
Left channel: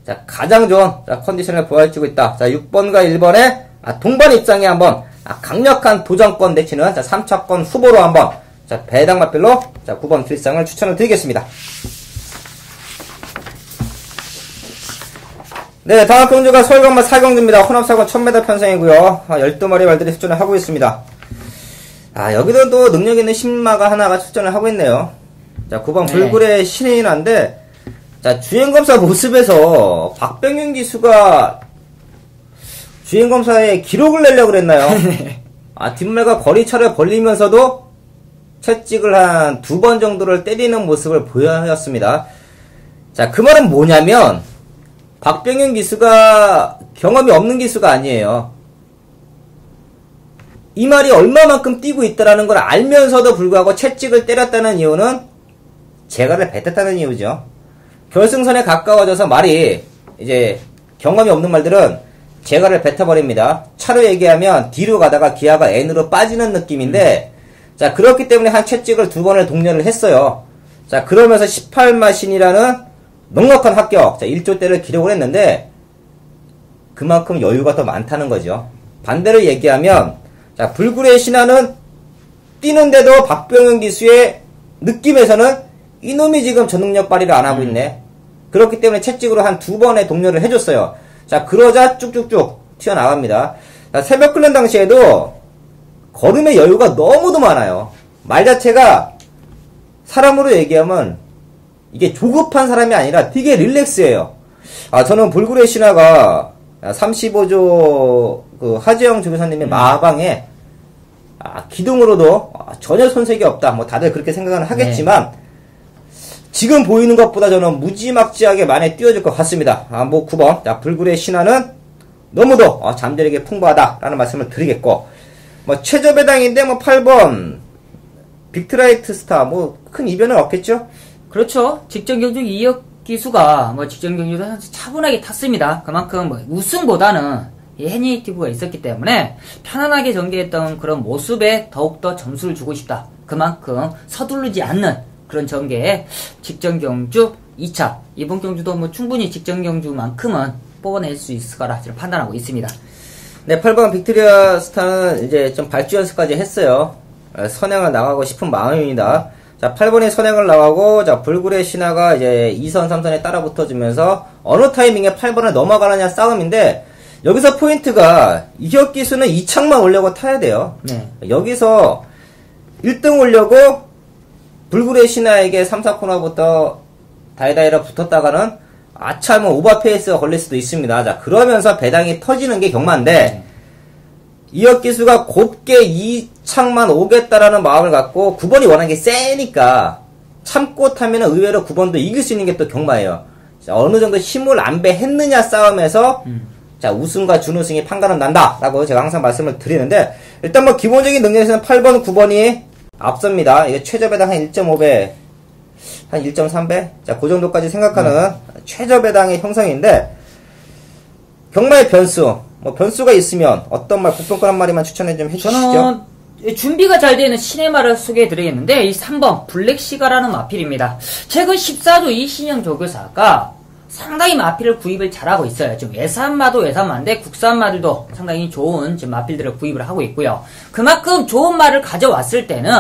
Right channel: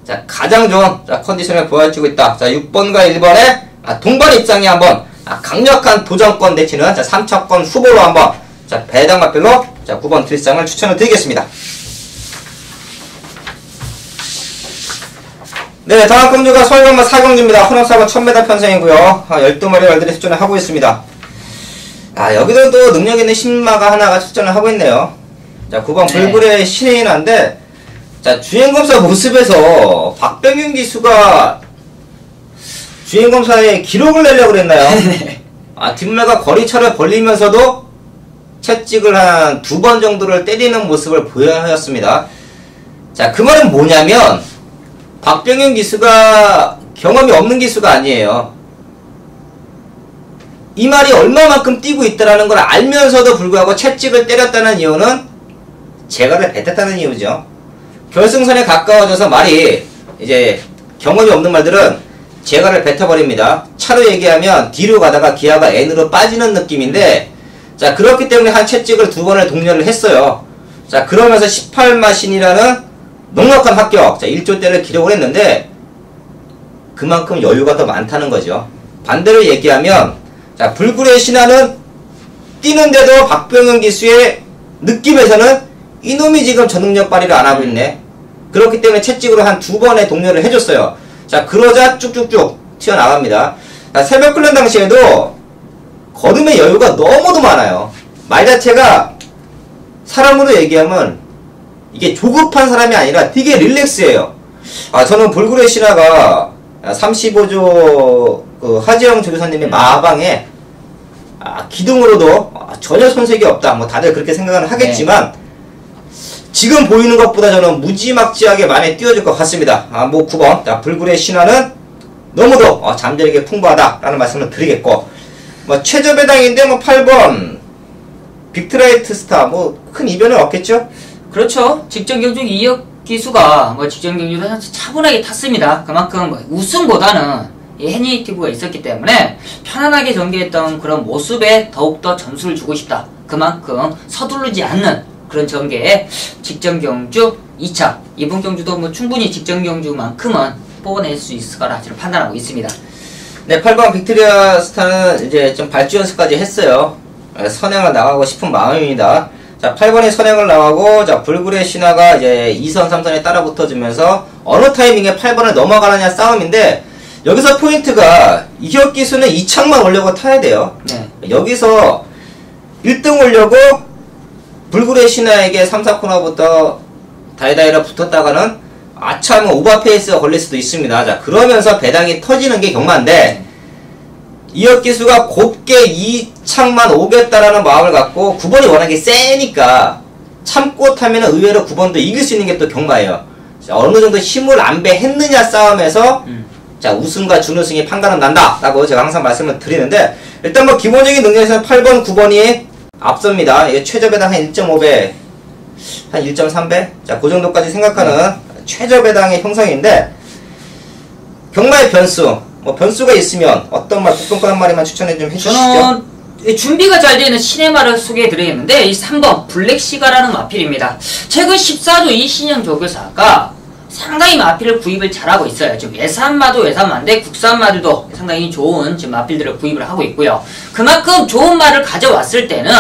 자, 가장 좋은 자, 컨디션을 보여주고 있다. 자, 6번과 1번의 동반 입장에 한번 강력한 도전권 내치는 자, 3차권 후보로 한번 자, 배당 마필로 자, 9번 길상을 추천을 드리겠습니다. 네, 다음 경주가 서울간마 4경주입니다. 혼합사고 1000m 편성이고요. 12마리 말들이 출전을 하고 있습니다. 여기는 또 능력 있는 신마가 하나가 출전을 하고 있네요. 자, 9번 불굴의 신의 난데, 자, 주행검사 모습에서 박병윤 기수가 주행검사에 기록을 내려고 그랬나요? 뒷매가 거리차를 벌리면서도 채찍을 한 2번 정도를 때리는 모습을 보여였습니다. 자, 그 말은 뭐냐면, 박병윤 기수가 경험이 없는 기수가 아니에요. 이 말이 얼마만큼 뛰고 있다는 걸 알면서도 불구하고 채찍을 때렸다는 이유는 재갈을 뱉었다는 이유죠. 결승선에 가까워져서 말이 이제 경험이 없는 말들은 재갈을 뱉어버립니다. 차로 얘기하면 뒤로 가다가 기아가 N으로 빠지는 느낌인데, 자 그렇기 때문에 한 채찍을 2번을 독려를 했어요. 자 그러면서 18마신이라는 넉넉한 합격, 자 1조대를 기록을 했는데 그만큼 여유가 더 많다는 거죠. 반대로 얘기하면 자 불굴의 신화는 뛰는데도 박병윤 기수의 느낌에서는 이놈이 지금 전능력 발휘를 안 하고 있네. 그렇기 때문에 채찍으로 한 2번의 독려를 해줬어요. 자 그러자 쭉쭉쭉 튀어나갑니다. 자, 새벽 끓는 당시에도 걸음의 여유가 너무도 많아요. 말 자체가 사람으로 얘기하면 이게 조급한 사람이 아니라 되게 릴렉스해요. 저는 불굴의 신화가 35조 그 하지영 조교사님의 마방에 기둥으로도 전혀 손색이 없다. 뭐 다들 그렇게 생각은 하겠지만 지금 보이는 것보다 저는 무지막지하게 많이 띄워줄 것 같습니다. 뭐 9번 자, 불굴의 신화는 너무도 잠재력이 풍부하다라는 말씀을 드리겠고, 뭐 최저배당인데 뭐 8번 빅트라이트 스타 뭐 큰 이변은 없겠죠? 그렇죠. 직전 경주 2억 기수가 뭐 직전 경주도 차분하게 탔습니다. 그만큼 뭐 우승보다는 헤니티브가 있었기 때문에 편안하게 전개했던 그런 모습에 더욱더 점수를 주고 싶다. 그만큼 서두르지 않는 그런 전개에 직전 경주 2차 이번 경주도 뭐 충분히 직전 경주만큼은 뽑아낼 수 있을 거라 저는 판단하고 있습니다. 네, 8번 빅토리아 스타는 이제 좀 발주 연습까지 했어요. 선행을 나가고 싶은 마음입니다. 자, 8번이 선행을 나가고, 자, 불굴의 신화가 이제 2선, 3선에 따라 붙어주면서 어느 타이밍에 8번을 넘어가느냐 싸움인데, 여기서 포인트가 이혁 기수는 2창만 오려고 타야 돼요. 네. 여기서 1등 오려고 불굴의 신화에게 3, 4코너부터 다이다이로 붙었다가는 아참 오버페이스가 걸릴 수도 있습니다. 자, 그러면서 배당이 터지는 게 경마인데, 이혁 기수가 곱게 2창만 오겠다라는 마음을 갖고 9번이 워낙에 세니까 참고 타면 의외로 9번도 이길 수 있는 게 또 경마예요. 자, 어느 정도 힘을 안배했느냐 싸움에서 자, 우승과 준우승이 판가름 난다라고 제가 항상 말씀을 드리는데, 일단 뭐 기본적인 능력에서는 8번, 9번이 앞섭니다. 이게 최저배당 한 1.5배, 한 1.3배? 자, 그 정도까지 생각하는 최저배당의 형성인데, 경마의 변수, 뭐 변수가 있으면 어떤 말, 국뽕권 한 마리만 추천해 좀 해주시죠. 저는 준비가 잘 되는 신의 말을 소개해드리겠는데, 이 3번 블랙시가라는 마필입니다. 최근 14조 이신영 조교사가 상당히 마필을 구입을 잘하고 있어요. 지금 외산마도 외산마인데 국산마들도 상당히 좋은 지금 마필들을 구입을 하고 있고요. 그만큼 좋은 말을 가져왔을 때는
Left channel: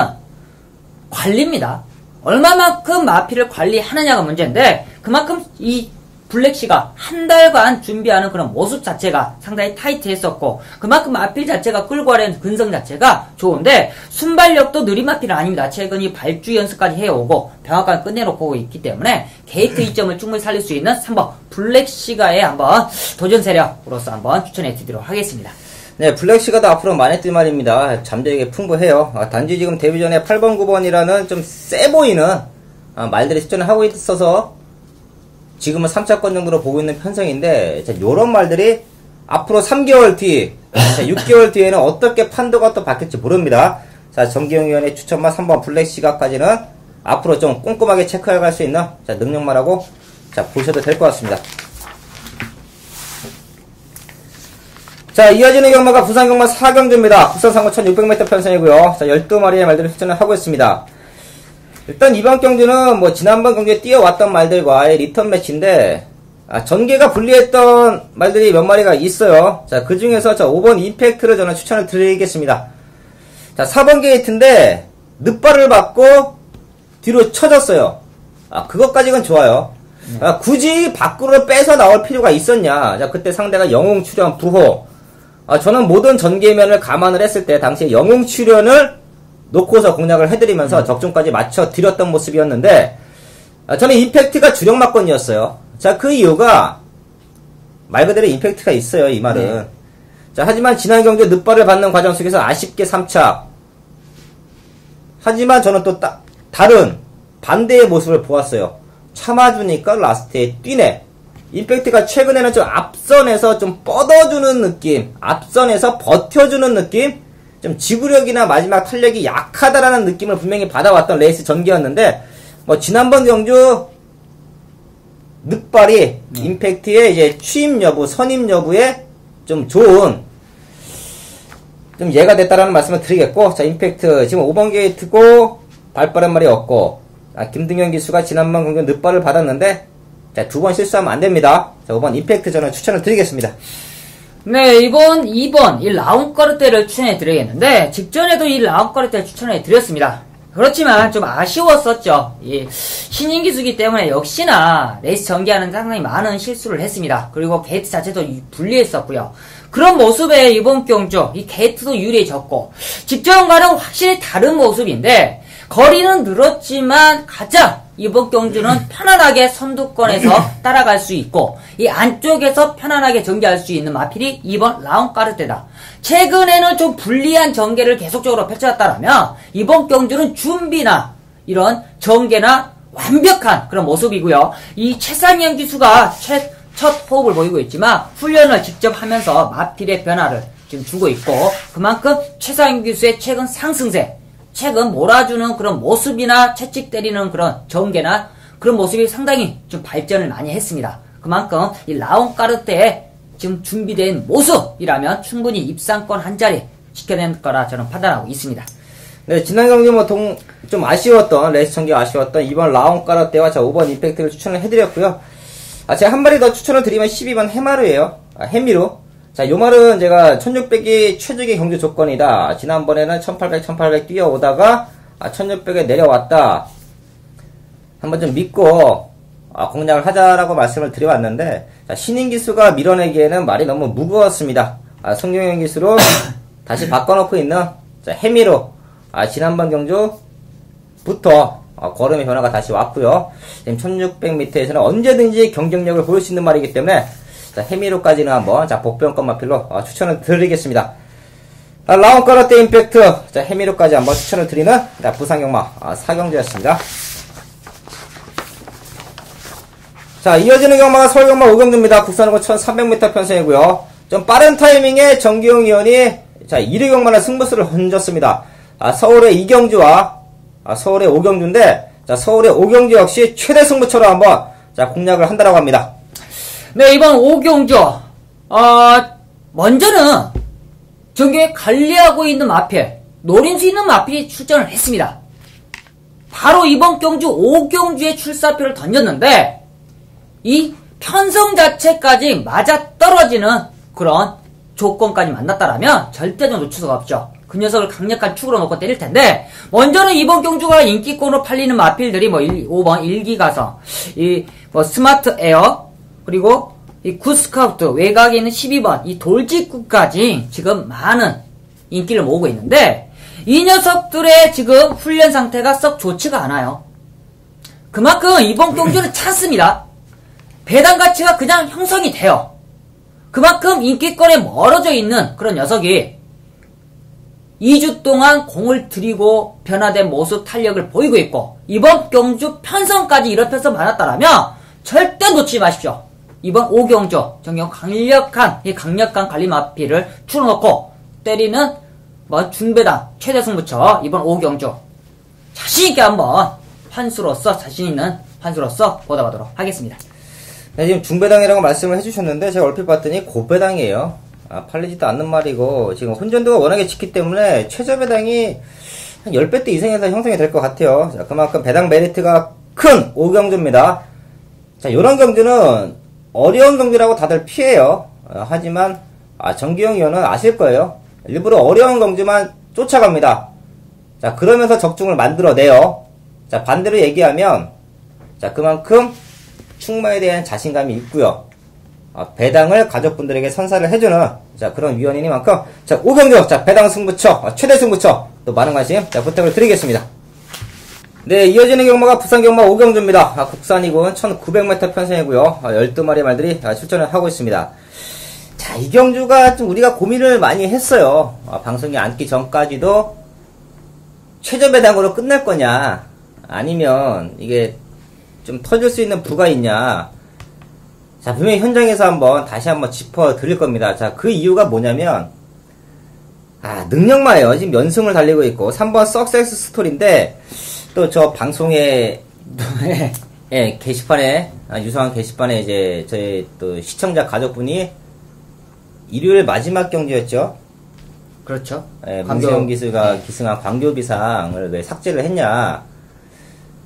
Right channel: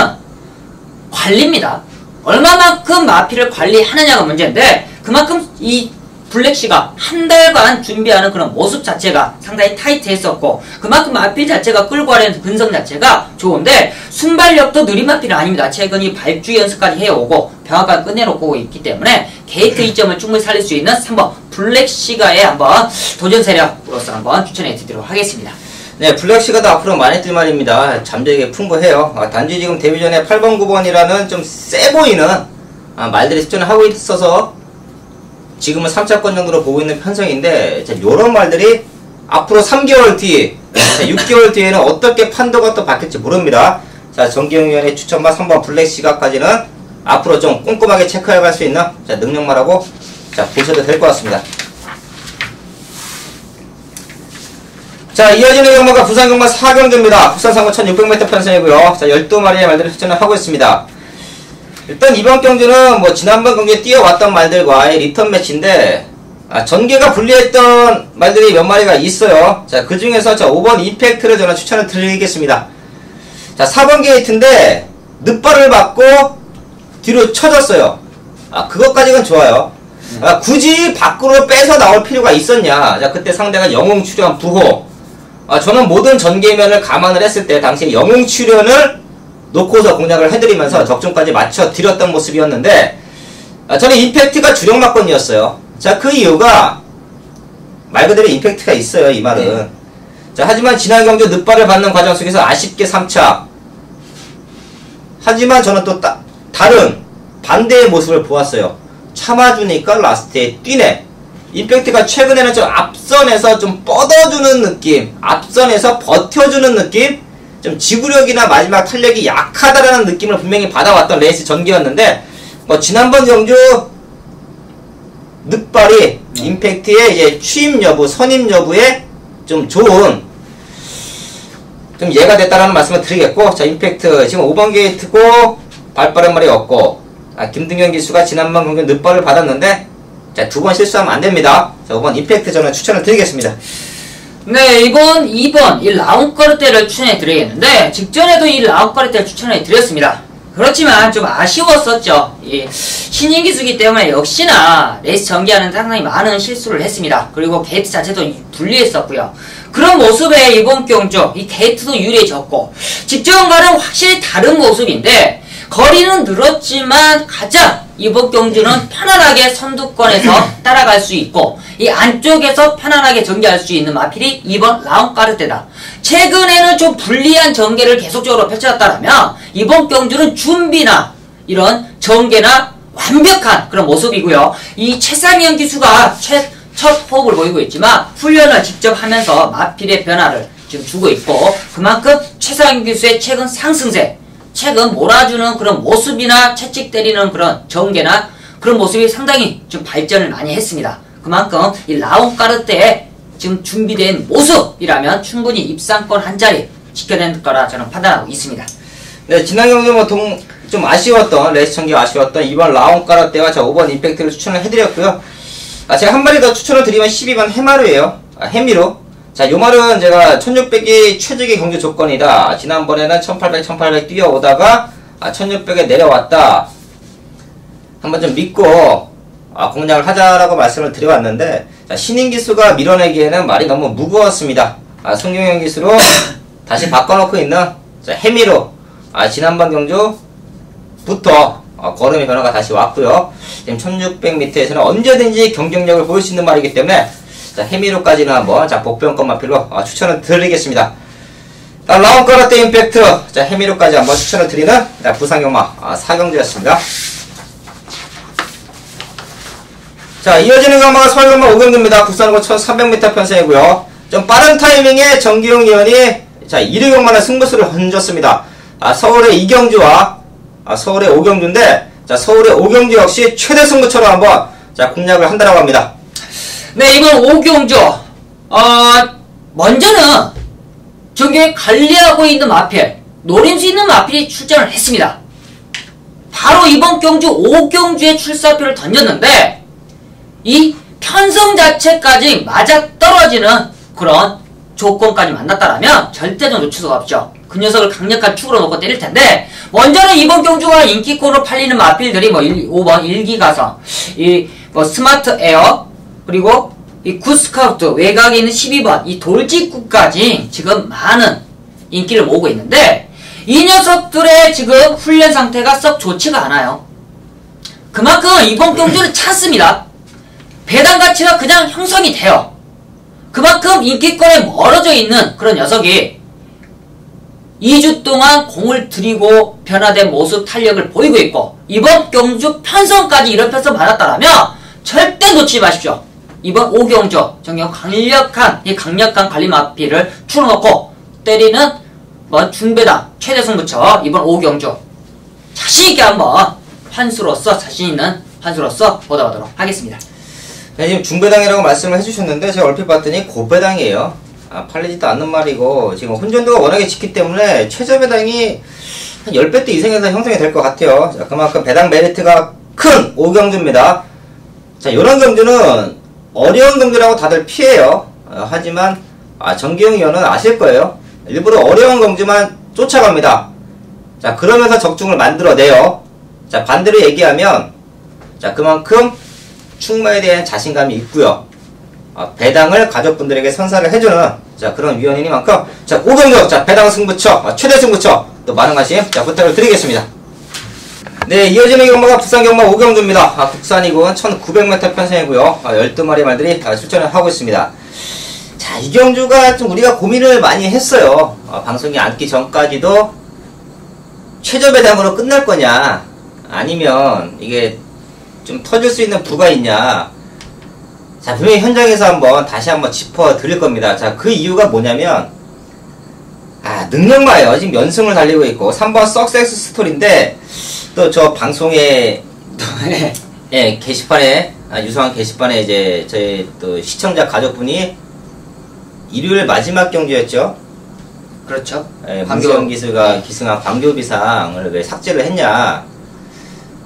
관리입니다. 얼마만큼 마필을 관리하느냐가 문제인데, 그만큼 이 블랙시가 한 달간 준비하는 그런 모습 자체가 상당히 타이트했었고 그만큼 마필 자체가 끌고 가는 근성 자체가 좋은데 순발력도 느린 마필은 아닙니다. 최근 이 발주 연습까지 해오고 병합까지 끝내놓고 있기 때문에 게이트 이점을 충분히 살릴 수 있는 3번 블랙시가의 한번 도전 세력으로서 한번 추천해 드리도록 하겠습니다. 네, 블랙시가도 앞으로 많이 뛸 말입니다. 잠재력이 풍부해요. 단지 지금 데뷔전에 8번, 9번이라는 좀 세 보이는 말들이 추천을 하고 있어서 지금은 3차권 정도로 보고 있는 편성인데, 요런 말들이 앞으로 3개월 뒤, 6개월 뒤에는 어떻게 판도가 또 바뀔지 모릅니다. 자, 정기용 위원의 추천과 3번 블랙시가까지는 앞으로 좀 꼼꼼하게 체크해 갈 수 있는 능력만하고 보셔도 될 것 같습니다. 자, 이어지는 경마가 부산 경마 4경주입니다. 국산 상고 1600m 편성이고요. 자, 12마리의 말들을 추천을 하고 있습니다. 일단 이번 경주는 뭐 지난번 경주에 뛰어왔던 말들과의 리턴 매치인데 전개가 불리했던 말들이 몇 마리가 있어요. 자, 그 중에서 5번 이펙트를 저는 추천을 드리겠습니다. 자, 4번 게이트인데 늑발을 받고 뒤로 쳐졌어요. 그것까지는 좋아요. 굳이 밖으로 빼서 나올 필요가 있었냐. 자, 그때 상대가 영웅 출연 부호. 저는 모든 전개면을 감안을 했을 때 당시에 영웅 출연을 놓고서 공략을 해드리면서 적중까지 맞춰드렸던 모습이었는데 저는 임팩트가 주력 막건이었어요. 자, 그 이유가 말 그대로 임팩트가 있어요, 이 말은. 네. 자, 하지만 지난 경주 늑발을 받는 과정 속에서 아쉽게 3차. 하지만 저는 또 다른 반대의 모습을 보았어요. 참아주니까 라스트에 뛰네. 임팩트가 최근에는 좀 앞선에서 좀 뻗어주는 느낌, 앞선에서 버텨주는 느낌, 좀 지구력이나 마지막 탄력이 약하다라는 느낌을 분명히 받아왔던 레이스 전개였는데, 뭐 지난번 경주 늑발이 임팩트의 이제 취임 여부, 선임 여부에 좀 좋은 좀 예가 됐다라는 말씀을 드리겠고, 자, 임팩트 지금 5번 게이트고 발빠른 말이 없고, 김등현 기수가 지난번 경주 늑발을 받았는데, 자, 2번 실수하면 안 됩니다. 자, 5번 임팩트 저는 추천을 드리겠습니다. 네, 이번 2번 이 라운까르테를 추천해 드리겠는데 직전에도 이 라운까르테를 추천해 드렸습니다. 그렇지만 좀 아쉬웠었죠. 이 신인 기수기 때문에 역시나 레이스 전개하는 상당히 많은 실수를 했습니다. 그리고 게이트 자체도 불리했었고요. 그런 모습에 이번 경주 이 게이트도 유리해졌고 직전과는 확실히 다른 모습인데 거리는 늘었지만 가장 이번 경주는 편안하게 선두권에서 따라갈 수 있고 이 안쪽에서 편안하게 전개할 수 있는 마필이 2번 라운까르테다. 최근에는 좀 불리한 전개를 계속적으로 펼쳤다면 이번 경주는 준비나 이런 전개나 완벽한 그런 모습이고요. 이 최상위형 기수가 첫 호흡을 보이고 있지만 훈련을 직접 하면서 마필의 변화를 지금 주고 있고 그만큼 최상위형 기수의 최근 상승세 최근 몰아주는 그런 모습이나 채찍 때리는 그런 전개나 그런 모습이 상당히 좀 발전을 많이 했습니다. 그만큼 이 라운까르테에 지금 준비된 모습이라면 충분히 입상권 한 자리 지켜낸 거라 저는 판단하고 있습니다. 네, 지난 경기 뭐 좀 아쉬웠던 레이스 전개 아쉬웠던 이번 라운까르테와 5번 임팩트를 추천을 해드렸고요. 제가 한 마리 더 추천을 드리면 12번 해마루예요. 해미루. 자, 요 말은 제가 1600이 최적의 경주 조건이다. 지난번에는 1800, 1800 뛰어오다가 1600에 내려왔다. 한번 좀 믿고 공략을 하자라고 말씀을 드려봤는데 자, 신인 기수가 밀어내기에는 말이 너무 무거웠습니다. 송경영 기수로 다시 바꿔놓고 있는 해미로 지난번 경주부터 걸음의 변화가 다시 왔고요. 지금 1600m에서는 언제든지 경쟁력을 보일 수 있는 말이기 때문에 자, 해미로까지는 한번 복병권 마필로 추천을 드리겠습니다. 라운까르테 임팩트 자, 해미로까지 한번 추천을 드리는 부산경마 4경주였습니다. 자, 이어지는 경마가 서울경마 5경주입니다. 국산고 1300m 편성이고요. 좀 빠른 타이밍에 정기용 위원이 자, 1위 경마는 승부수를 던졌습니다. 서울의 2경주와 서울의 5경주인데 자, 서울의 5경주 역시 최대 승부처로 한번 자, 공략을 한다고 합니다. 네, 이번 5경주 먼저는 전경에 관리하고 있는 마필 노림수 있는 마필이 출전을 했습니다. 바로 이번 경주 5경주에 출사표를 던졌는데 이 편성 자체까지 맞아떨어지는 그런 조건까지 만났다라면 절대로 놓칠 수가 없죠. 그 녀석을 강력한 축으로 놓고 때릴 텐데 먼저는 이번 경주가 인기권으로 팔리는 마필들이 뭐 5번 일기가성, 뭐 스마트 에어, 그리고 이 굿스카우트 외곽에 있는 12번 이 돌직구까지 지금 많은 인기를 모으고 있는데 이 녀석들의 지금 훈련 상태가 썩 좋지가 않아요. 그만큼 이번 경주는 찬스입니다. 배당 가치가 그냥 형성이 돼요. 그만큼 인기권에 멀어져 있는 그런 녀석이 2주 동안 공을 들이고 변화된 모습 탄력을 보이고 있고 이번 경주 편성까지 이런 편성 받았다라면 절대 놓치지 마십시오. 이번 5경주 정경 강력한 관리마피를 틀어놓고 때리는 중배당 최대 승부처 이번 5경주 자신있게 한번 자신있는 환수로서 보도하도록 하겠습니다. 네, 지금 중배당이라고 말씀을 해주셨는데 제가 얼핏 봤더니 고배당이에요. 팔리지도 않는 말이고 지금 혼전도가 워낙에 짙기 때문에 최저배당이 한 10배 대 이상에서 형성이 될 것 같아요. 자, 그만큼 배당 메리트가 큰 5경주입니다. 자, 이런 경주는 어려운 경주라고 다들 피해요. 하지만 정기영 위원은 아실 거예요. 일부러 어려운 경주만 쫓아갑니다. 자, 그러면서 적중을 만들어내요. 자, 반대로 얘기하면 자, 그만큼 충마에 대한 자신감이 있고요. 배당을 가족분들에게 선사를 해주는 자, 그런 위원이니만큼 자, 5경주 자, 배당 승부처 최대 승부처 또 많은 관심 자, 부탁을 드리겠습니다. 네, 이어지는 경마가 부산 경마 5경주입니다. 국산이군 1900m 편성이고요. 12마리 말들이 출전을 하고 있습니다. 자, 이 경주가 좀 우리가 고민을 많이 했어요. 방송이 앉기 전까지도 최저 배당으로 끝날 거냐 아니면 이게 좀 터질 수 있는 부가 있냐. 자, 분명히 현장에서 다시 한번 짚어 드릴 겁니다. 자, 그 이유가 뭐냐면 능력마예요. 지금 연승을 달리고 있고 3번 석세스 스토리인데 또 저 방송에 예, 게시판에 유성한 게시판에 이제 저희 또 시청자 가족분이 일요일 마지막 경주였죠. 그렇죠. 예, 문세영 기수가 기승한 광교비상을 왜 삭제를 했냐.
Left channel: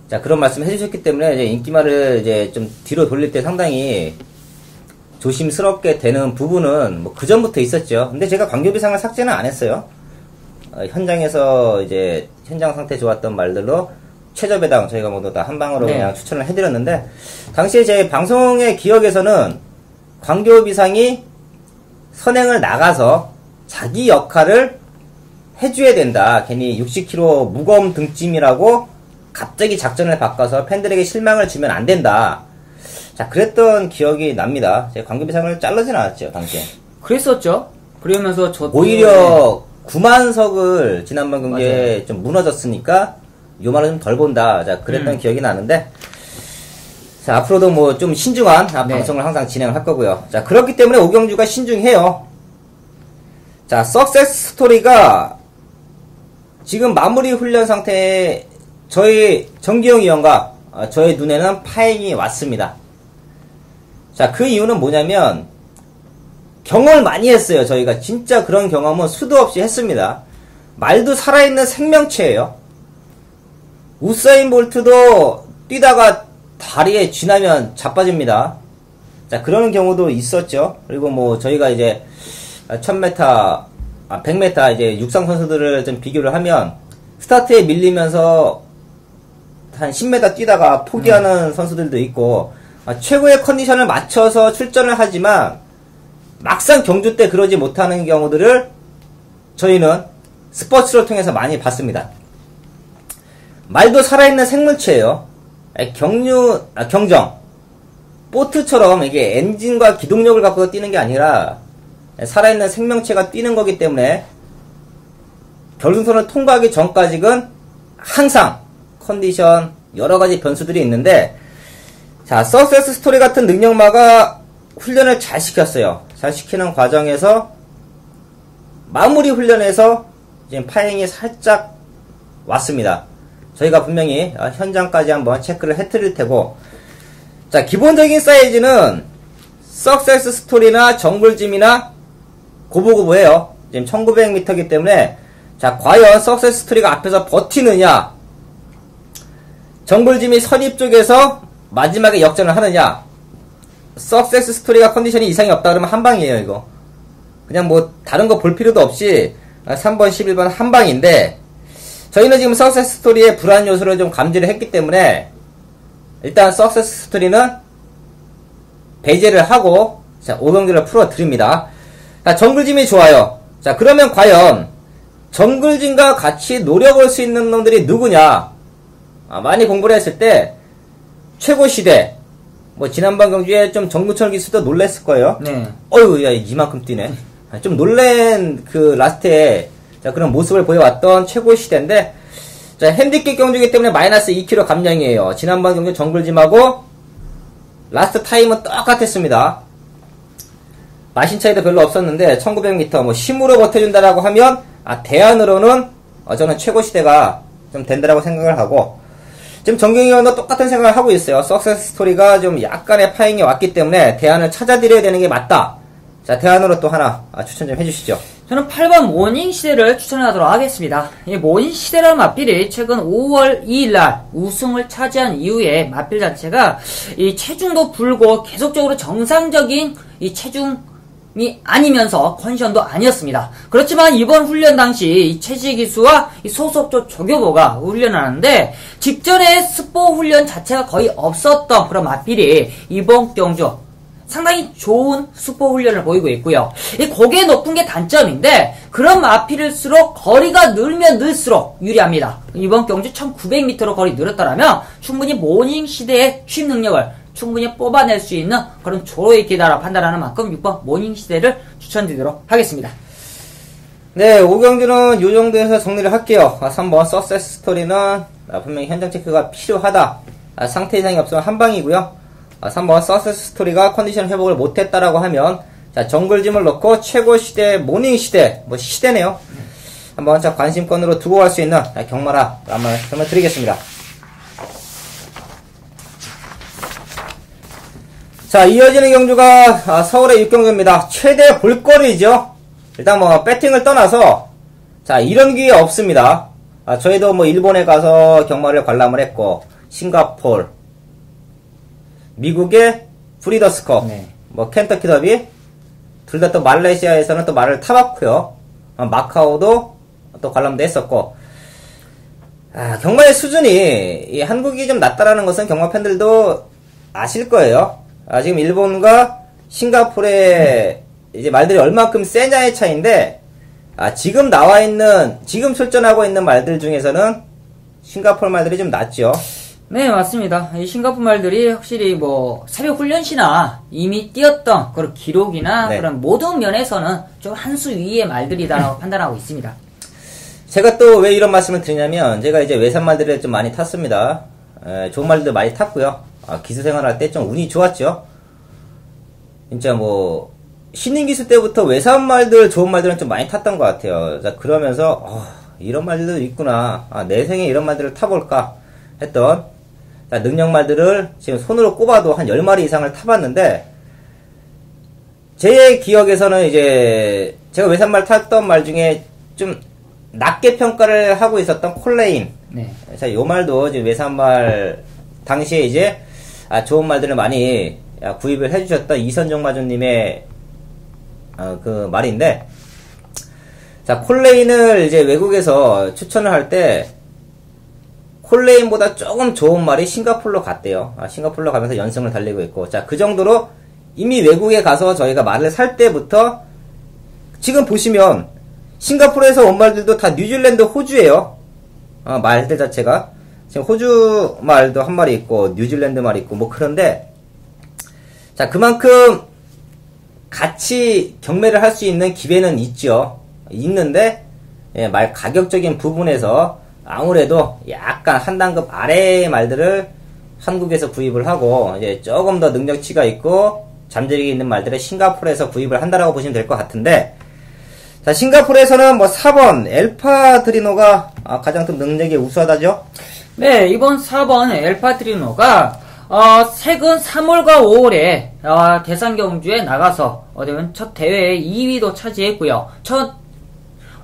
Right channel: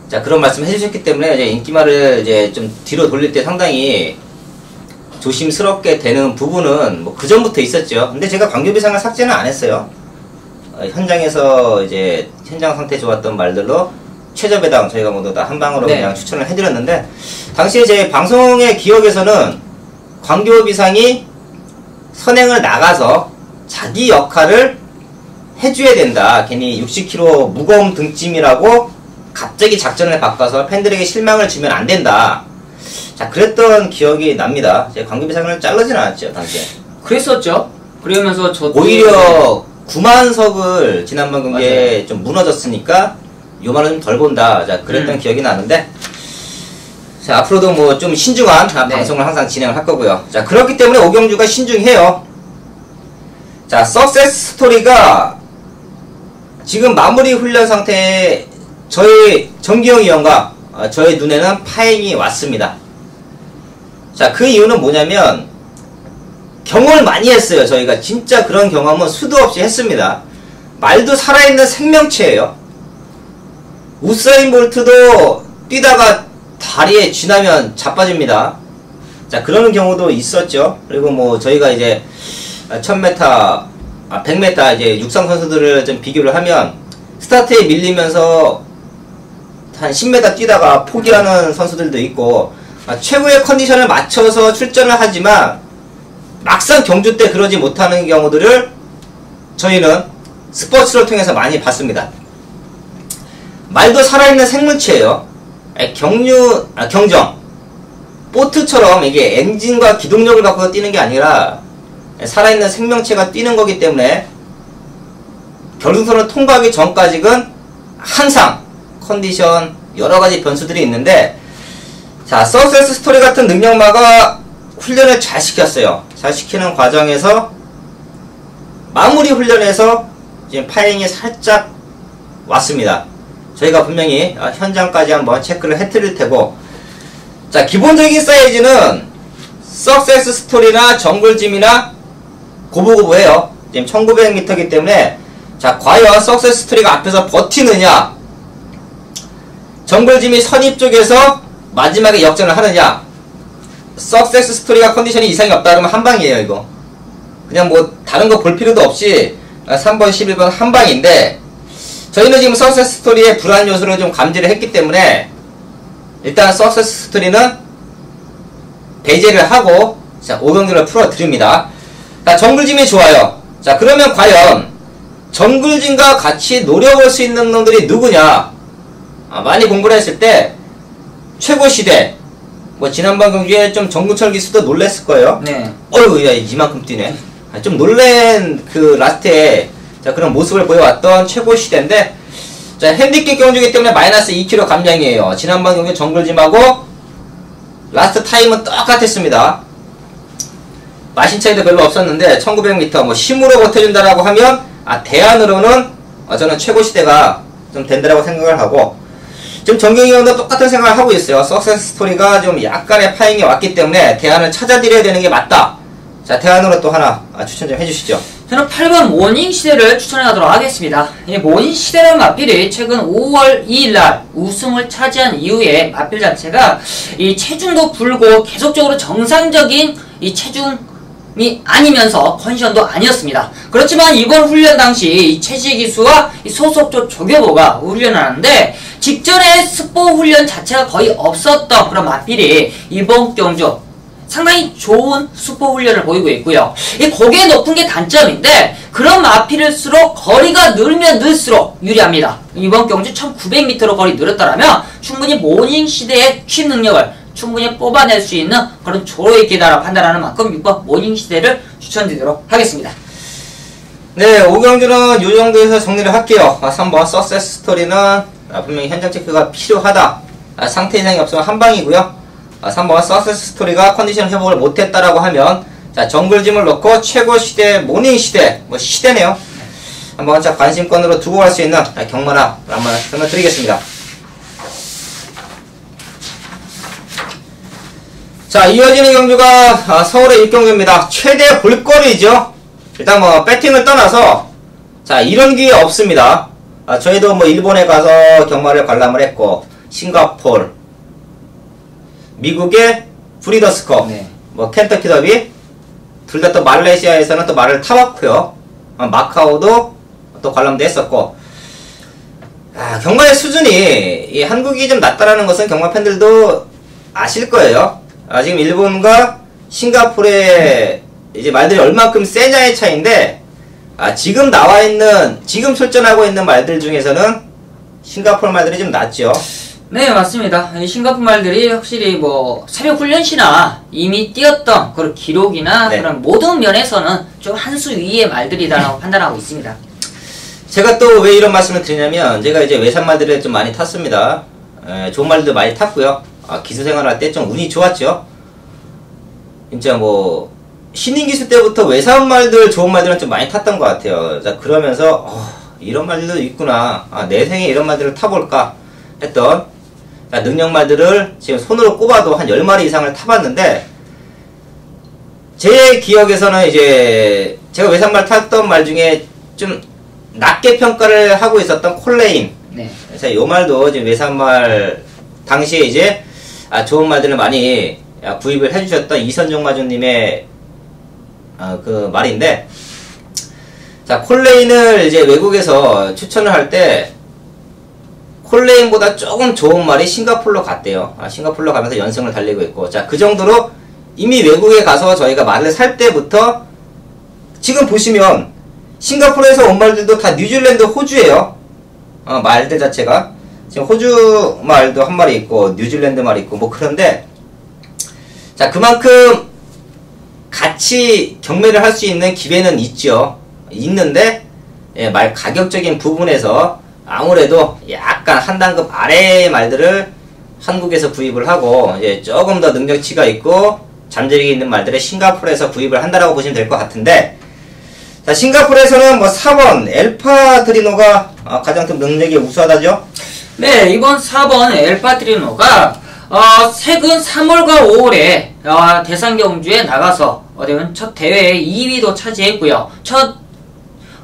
자, 그런 말씀 해주셨기 때문에 이제 인기말을 이제 좀 뒤로 돌릴 때 상당히 조심스럽게 되는 부분은 뭐 그전부터 있었죠. 근데 제가 광교비상을 삭제는 안 했어요. 현장에서 이제 현장 상태 좋았던 말들로 최저배당 저희가 모두 다 한 방으로 그냥 추천을 해드렸는데 당시에 제 방송의 기억에서는 광교비상이 선행을 나가서 자기 역할을 해줘야 된다. 괜히 60kg 무거움 등짐이라고 갑자기 작전을 바꿔서 팬들에게 실망을 주면 안 된다. 자, 그랬던 기억이 납니다. 제가 광교비상을 자르진 않았죠, 당시에. 그랬었죠. 그러면서 오히려 9만석을 지난번 경기에 좀 무너졌으니까 요만은 좀 덜 본다. 자, 그랬던 기억이 나는데 자, 앞으로도 뭐 좀 신중한 방송을 항상 진행을 할 거고요. 자, 그렇기 때문에 오경주가 신중해요. 자, 석세스 스토리가 지금 마무리 훈련 상태에 저희 정기영 위원과 저의 눈에는 파행이 왔습니다. 자, 그 이유는 뭐냐면 경험을 많이 했어요. 저희가 진짜 그런 경험은 수도 없이 했습니다. 말도 살아있는 생명체예요. 우사인 볼트도 뛰다가 다리에 쥐나면 자빠집니다. 자, 그런 경우도 있었죠. 그리고 뭐 저희가 이제 1000m, 100m 이제 육상 선수들을 좀 비교를 하면 스타트에 밀리면서 한 10m 뛰다가 포기하는 선수들도 있고 최고의 컨디션을 맞춰서 출전을 하지만 막상 경주 때 그러지 못하는 경우들을 저희는 스포츠를 통해서 많이 봤습니다. 말도 살아있는 생물체예요. 경정 보트처럼 이게 엔진과 기동력을 갖고 뛰는 게 아니라 살아있는 생명체가 뛰는 거기 때문에 결승선을 통과하기 전까지는 항상 컨디션 여러가지 변수들이 있는데 자, 석세스 스토리 같은 능력마가 훈련을 잘 시켰어요. 잘 시키는 과정에서 마무리 훈련에서 지금 파행이 살짝 왔습니다. 저희가 분명히 현장까지 한번 체크를 해드릴 테고 자, 기본적인 사이즈는 석세스 스토리나 정글짐이나 고부고부해요. 지금 1900m이기 때문에 자, 과연 석세스 스토리가 앞에서 버티느냐 정글짐이 선입 쪽에서 마지막에 역전을 하느냐 석세스 스토리가 컨디션이 이상이 없다 그러면 한방이에요. 이거 그냥 뭐 다른 거 볼 필요도 없이 3번 11번 한방인데 저희는 지금 석세스 스토리의 불안 요소를 좀 감지를 했기 때문에 일단 석세스 스토리는 배제를 하고 자 5경기를 풀어드립니다. 자 정글짐이 좋아요. 자 그러면 과연 정글짐과 같이 노려볼 수 있는 놈들이 누구냐? 많이 공부를 했을 때 최고시대 뭐 지난번 경기에 좀 정근철 기수도 놀랬을 거예요. 네. 어휴 야 이만큼 뛰네. 좀 놀랜 그 라스트에 자 그런 모습을 보여왔던 최고시대인데 자 핸디캡 경주이기 때문에 마이너스 2kg 감량이에요. 지난번 경기 정글짐하고 라스트 타임은 똑같았습니다. 마신 차이도 별로 없었는데 1900m 뭐 힘으로 버텨준다라고 하면 대안으로는 저는 최고시대가 좀 된다라고 생각을 하고 지금 정경희원도 똑같은 생각을 하고 있어요. 석세스 스토리가 좀 약간의 파행이 왔기 때문에 대안을 찾아드려야 되는 게 맞다. 자 대안으로 또 하나 추천 좀 해주시죠. 저는 8번 모닝시대를 추천하도록 하겠습니다. 이 모닝시대라는 마필이 최근 5월 2일날 우승을 차지한 이후에 마필 자체가 이 체중도 불고 계속적으로 정상적인 이 체중이 아니면서 컨디션도 아니었습니다. 그렇지만 이번 훈련 당시 이 체지기수와 이 소속조 조교보가 훈련을 하는데 직전에 스포 훈련 자체가 거의 없었던 그런 마필이 이번 경주 상당히 좋은 스포 훈련을 보이고 있고요. 이 고개 높은 게 단점인데 그런 마필일수록 거리가 늘면 늘수록 유리합니다. 이번 경주 1900m로 거리 늘었다면 충분히 모닝 시대의 취입 능력을 충분히 뽑아낼 수 있는 그런 조로의 기다라 판단하는 만큼 6번 모닝 시대를 추천드리도록 하겠습니다. 네, 5경주는 이 정도에서 정리를 할게요. 3번 석세스 스토리는 분명히 현장 체크가 필요하다. 상태 이상이 없으면 한방이고요. 3번 석세스 스토리가 컨디션 회복을 못했다라고 하면 자 정글짐을 놓고 최고시대 모닝시대 뭐 시대네요. 한번 자 관심권으로 두고 갈 수 있는 경마라 한번 설명드리겠습니다. 자 이어지는 경주가 서울의 1경주입니다. 최대 볼거리죠. 일단 뭐 배팅을 떠나서 자 이런 기회 없습니다. 저희도 뭐 일본에 가서 경마를 관람을 했고 싱가폴 미국의 브리더스컵, 네. 뭐 켄터키 더비, 둘 다 또 말레이시아에서는 또 말을 타봤고요. 마카오도 또 관람도 했었고, 경마의 수준이 이 한국이 좀 낮다라는 것은 경마 팬들도 아실 거예요. 지금 일본과 싱가포르의 이제 말들이 얼만큼 세냐의 차이인데, 지금 나와 있는, 지금 출전하고 있는 말들 중에서는 싱가포르 말들이 좀 낫죠. 네, 맞습니다. 이 싱가포르 말들이 확실히 뭐 새벽 훈련시나 이미 뛰었던 그런 기록이나 네. 그런 모든 면에서는 좀 한 수 위의 말들이다라고 판단하고 있습니다. 제가 또 왜 이런 말씀을 드리냐면 제가 이제 외산 말들을 좀 많이 탔습니다. 좋은 말들도 많이 탔고요. 기수 생활할 때 좀 운이 좋았죠. 진짜 뭐 신인 기수 때부터 외산 말들 좋은 말들은 좀 많이 탔던 것 같아요. 자 그러면서 이런 말들도 있구나. 내 생에 이런 말들을 타볼까 했던 능력 말들을 지금 손으로 꼽아도 한 10마리 이상을 타봤는데 제 기억에서는 이제 제가 외산말 탔던 말 중에 좀 낮게 평가를 하고 있었던 콜레인. 네. 자, 요 말도 지금 외산말 당시에 이제 좋은 말들을 많이 구입을 해주셨던 이선종 마주님의 그 말인데, 자 콜레인을 이제 외국에서 추천을 할 때 콜레인보다 조금 좋은 말이 싱가폴로 갔대요. 싱가폴로 가면서 연승을 달리고 있고, 자 그 정도로 이미 외국에 가서 저희가 말을 살 때부터 지금 보시면 싱가포르에서 온 말들도 다 뉴질랜드, 호주예요. 말들 자체가 지금 호주 말도 한 마리 있고 뉴질랜드 말이 있고 뭐 그런데 자 그만큼 같이 경매를 할 수 있는 기회는 있죠. 있는데 말 가격적인 부분에서 아무래도 약간 한 단급 아래의 말들을 한국에서 구입을 하고 이제 조금 더 능력치가 있고 잠재력이 있는 말들을 싱가포르에서 구입을 한다라고 보시면 될 것 같은데, 자 싱가포르에서는 뭐 4번 엘파드리노가 가장 좀 능력이 우수하다죠? 네, 이번 4번 엘파드리노가 최근 3월과 5월에 대상 경주에 나가서 첫 대회에 2위도 차지했고요. 첫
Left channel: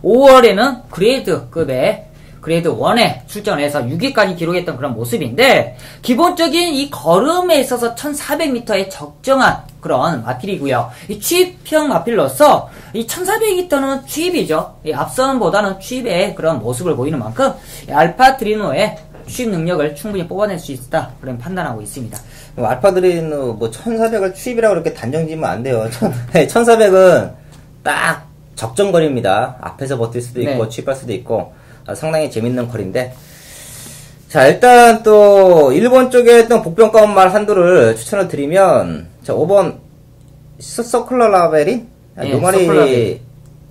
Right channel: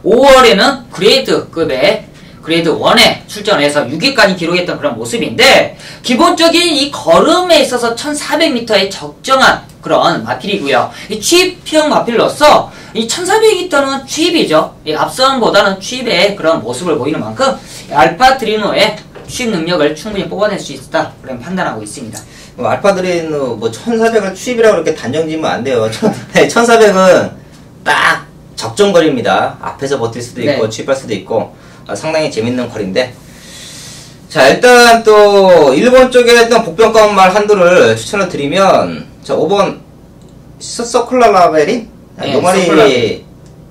5월에는 그레이드급의 그레이드 1에 출전해서 6위까지 기록했던 그런 모습인데, 기본적인 이 걸음에 있어서 1400m의 적정한 그런 마필이고요. 이 취입형 마필로서 이 1400m는 취입이죠. 이 앞선보다는 취입의 그런 모습을 보이는 만큼 알파드리노의 수입 능력을 충분히 뽑아낼 수 있다. 그런 판단하고 있습니다. 알파드레인 뭐 1400을 추입이라고 그렇게 단정지면 안 돼요. 1400은 딱 적정 거리입니다. 앞에서 버틸 수도 있고 네. 추입할 수도 있고 상당히 재밌는 거리인데, 자 일단 또 일본 쪽에 했던 복병가운 말 한두를 추천을 드리면, 자 5번 서큘라 라벨이 네, 요 말이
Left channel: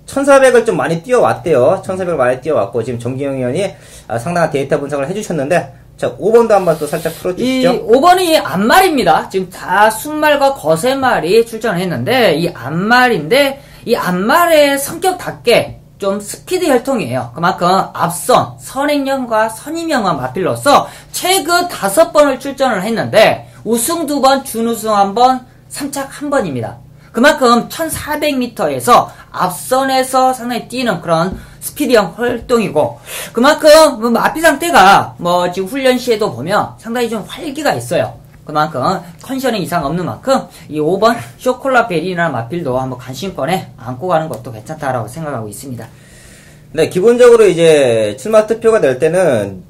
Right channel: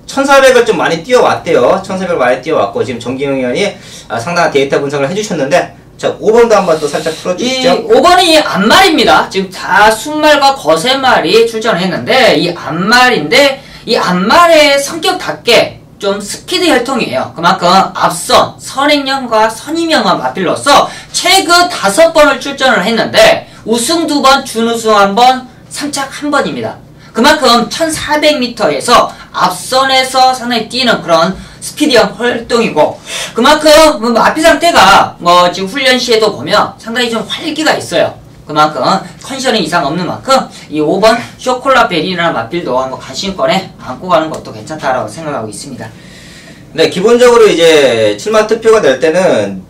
1400을 좀 많이 뛰어왔대요. 1400을 많이 뛰어왔고 지금 정기영 의원이 상당한 데이터 분석을 해주셨는데, 자 5번도 한번 또 살짝 풀어주시죠. 이 5번이 앞말입니다. 지금 다 순말과 거세말이 출전을 했는데, 이 앞말인데 이 앞말의 성격답게 좀 스피드 혈통이에요. 그만큼 앞선 선행령과 선임령과 맞빌로써 최근 5번을 출전을 했는데 우승 2번, 준우승 1번, 3착 1번입니다. 그만큼 1400m에서 앞선에서 상당히 뛰는 그런 스피디형 활동이고, 그만큼 앞비상 때가 지금 훈련 시에도 보면 상당히 좀 활기가 있어요. 그만큼 컨디션이 이상 없는 만큼 이 5번 쇼콜라 베리라는 마필도 한번 관심권에 안고 가는 것도 괜찮다라고 생각하고 있습니다. 네, 기본적으로 이제 7만 투표가 될 때는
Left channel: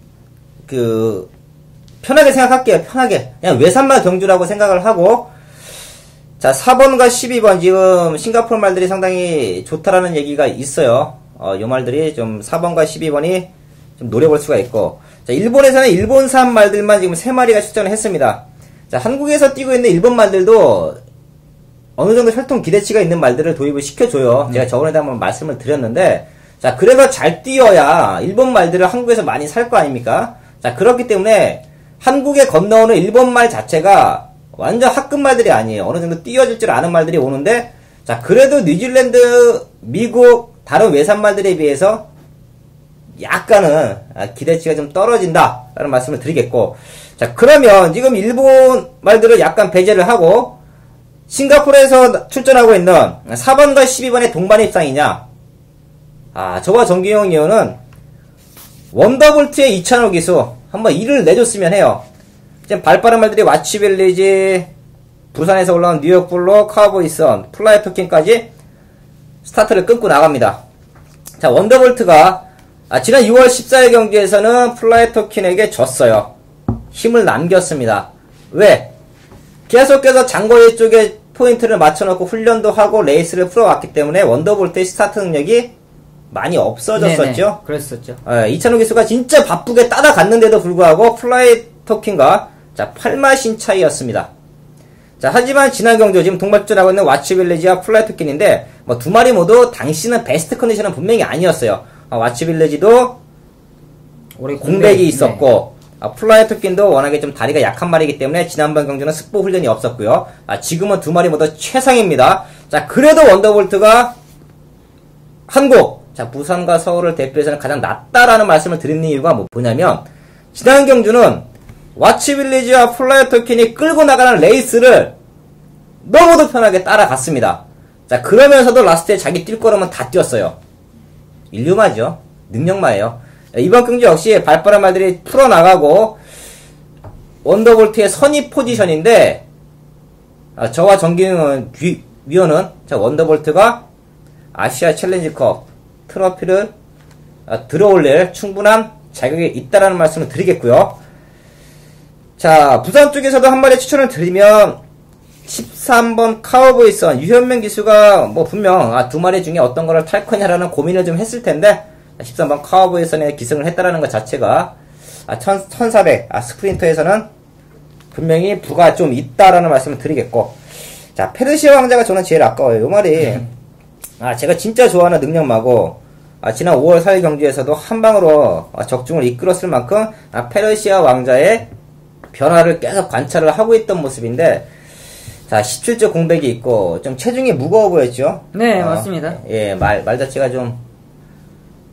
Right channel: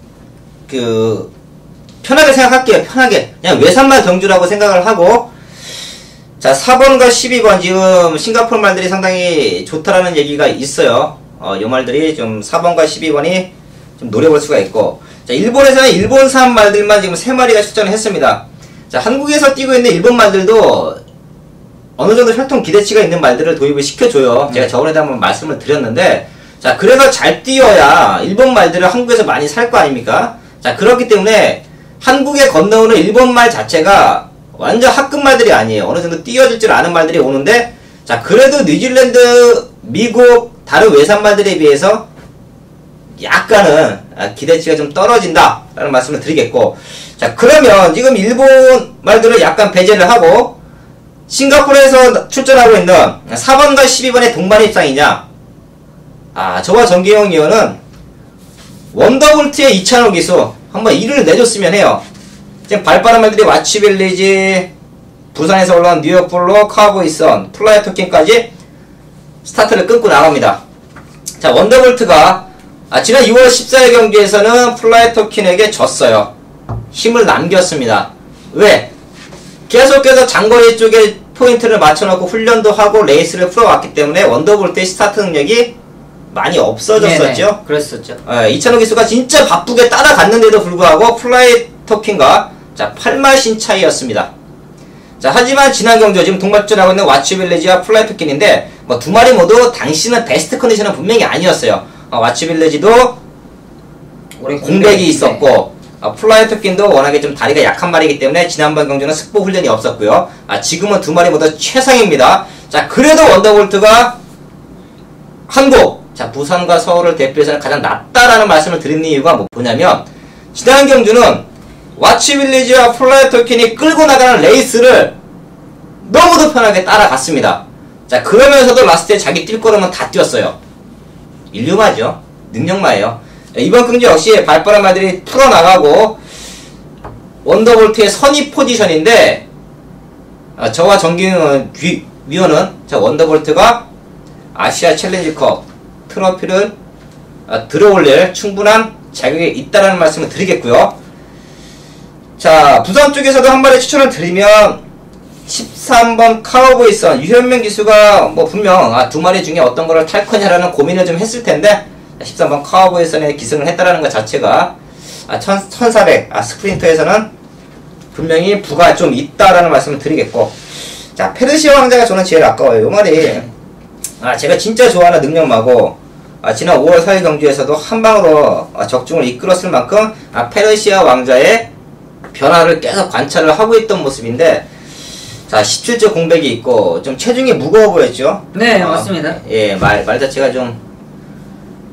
편하게 생각할게요. 편하게 그냥 외산말 경주라고 생각을 하고, 자 4번과 12번 지금 싱가포르 말들이 상당히 좋다라는 얘기가 있어요. 요 말들이 좀 4번과 12번이 좀 노려볼 수가 있고, 자 일본에서는 일본산 말들만 지금 3마리가 출전을 했습니다. 자 한국에서 뛰고 있는 일본 말들도 어느 정도 혈통 기대치가 있는 말들을 도입을 시켜줘요. 제가 저번에도 한번 말씀을 드렸는데, 자 그래서 잘 뛰어야 일본 말들을 한국에서 많이 살 거 아닙니까? 자 그렇기 때문에 한국에 건너오는 일본 말 자체가 완전 학급 말들이 아니에요. 어느 정도 뛰어줄 줄 아는 말들이 오는데, 자 그래도 뉴질랜드, 미국 다른 외산 말들에 비해서 약간은 기대치가 좀 떨어진다 라는 말씀을 드리겠고, 자 그러면 지금 일본 말들을 약간 배제를 하고 싱가포르에서 출전하고 있는 4번과 12번의 동반 입상이냐, 저와 정기용 의원은 원더볼트의 2차원 기수 한번 일을 내줬으면 해요. 지금 발빠른 말들이 와치빌리지, 부산에서 올라온 뉴욕블루, 카우보이선, 플라이 토킹까지 스타트를 끊고 나갑니다. 자 원더볼트가 지난 2월 14일 경기에서는 플라이 토킨에게 졌어요. 힘을 남겼습니다. 왜? 계속해서 장거리 쪽에 포인트를 맞춰놓고 훈련도 하고 레이스를 풀어왔기 때문에 원더볼트의 스타트 능력이 많이 없어졌었죠. 네네, 그랬었죠. 이찬호 기수가 진짜 바쁘게 따라갔는데도 불구하고 플라이 토킹과 자 8마신 차이였습니다. 자 하지만 지난 경주 지금 동반전하고 있는 와치빌리지와 플라이 토킨인데 뭐 두 마리 모두 당시는 베스트 컨디션은 분명히 아니었어요. 와치빌리지도 공백이 있었고, 플라이 토킨도 워낙에 좀 다리가 약한 말이기 때문에 지난번 경주는 승보 훈련이 없었고요. 지금은 두 마리 모두 최상입니다. 자 그래도 원더볼트가 한국, 자 부산과 서울을 대표해서는 가장 낫다라는 말씀을 드리는 이유가 뭐냐면, 지난 경주는 와치빌리지와 플라이 토킨이 끌고 나가는 레이스를 너무도 편하게 따라갔습니다. 자 그러면서도 라스트에 자기 뛸 거라면 다 뛰었어요. 인류마죠. 능력마예요. 이번 경주 역시 발빠른 말들이 풀어나가고 원더볼트의 선입 포지션인데, 저와 정기훈 위원은 자 원더볼트가 아시아 챌린지컵 트로피를 들어올릴 충분한 자격이 있다라는 말씀을 드리겠고요. 자 부산 쪽에서도 한 마리 추천을 드리면 13번 카우보이선 유현명 기수가 뭐 분명 두 마리 중에 어떤 거를 탈 거냐라는 고민을 좀 했을 텐데, 13번 카우보이선에 기승을 했다라는 것 자체가 1400 스프린터에서는 분명히 부가 좀 있다라는 말씀을 드리겠고, 자 페르시아 왕자가 저는 제일 아까워요. 요 말이 제가 진짜 좋아하는 능력마고, 지난 5월 4일 경주에서도 한 방으로 적중을 이끌었을 만큼 페르시아 왕자의 변화를 계속 관찰을 하고 있던 모습인데, 자 17조 공백이 있고 좀 체중이 무거워 보였죠. 네 맞습니다. 예, 말 자체가 좀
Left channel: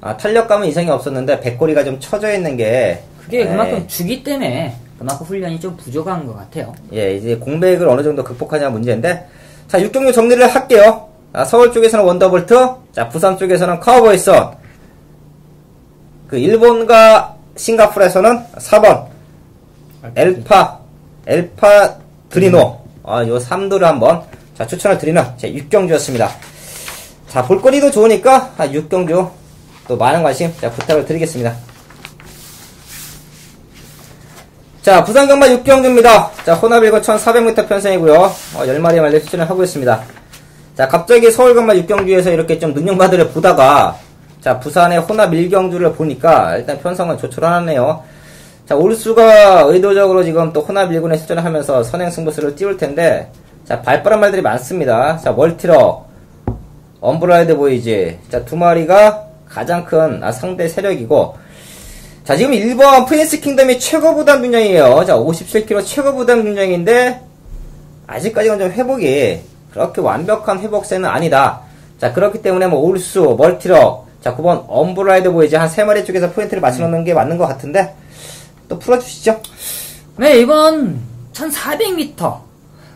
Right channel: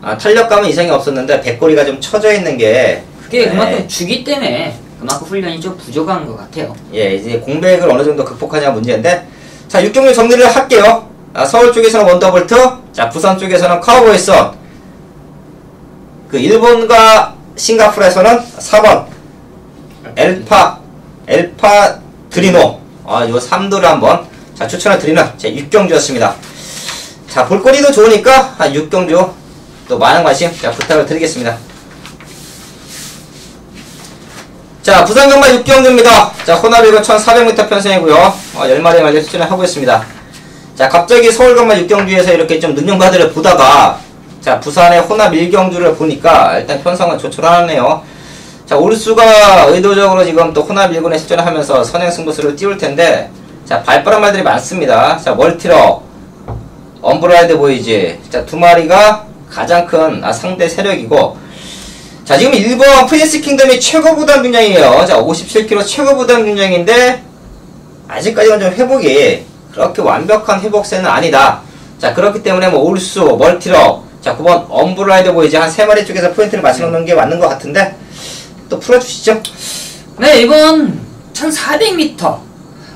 탄력감은 이상이 없었는데 배꼬리가 좀 처져 있는 게, 그게 그만큼 주기 때문에 그만큼 훈련이 좀 부족한 것 같아요. 예, 이제 공백을 어느 정도 극복하냐 문제인데, 자 6경기 정리를 할게요. 서울 쪽에서는 원더볼트, 자 부산 쪽에서는 카우보이선, 그 일본과 싱가포르에서는 4번 엘파 드리노, 요 3도를 한번 자 추천을 드리는 제 6경주였습니다. 자 볼거리도 좋으니까 6경주 또 많은 관심 부탁을 드리겠습니다. 자, 부산 경마 6경주입니다. 자, 혼합이고 1400m 편성이고요. 10마리 말려 추천을 하고 있습니다. 자, 갑자기 서울 경마 6경주에서 이렇게 좀 능력마들을 보다가, 자, 부산의 혼합 1경주를 보니까 일단 편성은 조촐하네요. 자, 올수가 의도적으로 지금 또 혼합 1군에 출전을 하면서 선행 승부수를 띄울 텐데, 자, 발빠른 말들이 많습니다. 자, 멀티럭, 엄브라이드 보이지. 자, 두 마리가 가장 큰 상대 세력이고, 자, 지금 1번 프린스 킹덤이 최고 부담 균형이에요. 자, 57kg 최고 부담 균형인데, 아직까지는 좀 회복이 그렇게 완벽한 회복세는 아니다. 자, 그렇기 때문에 뭐 올수, 멀티럭, 자, 9번 엄브라이드 보이지. 한 3마리 쪽에서 포인트를 맞춰놓는 게 맞는 것 같은데, 또 풀어주시죠. 네, 이번 1400m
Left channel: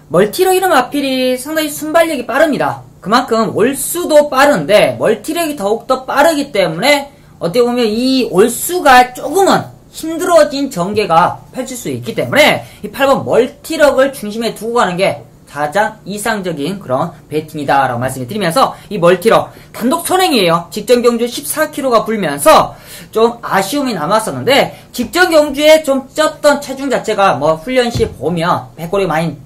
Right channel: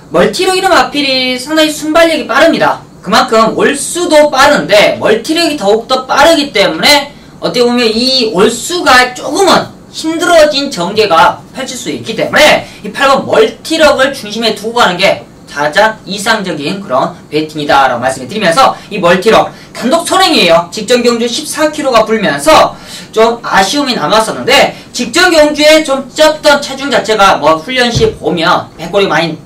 멀티로 이름 앞필이 상당히 순발력이 빠릅니다. 그만큼 올수도 빠른데 멀티력이 더욱더 빠르기 때문에 어떻게 보면 이 올수가 조금은 힘들어진 전개가 펼칠 수 있기 때문에 이 8번 멀티력을 중심에 두고 가는 게 가장 이상적인 그런 배팅이다 라고 말씀을 드리면서, 이 멀티력 단독 선행이에요. 직전 경주 14kg가 불면서 좀 아쉬움이 남았었는데, 직전 경주에 좀 쪘던 체중 자체가 뭐 훈련 시 보면 백골이 많이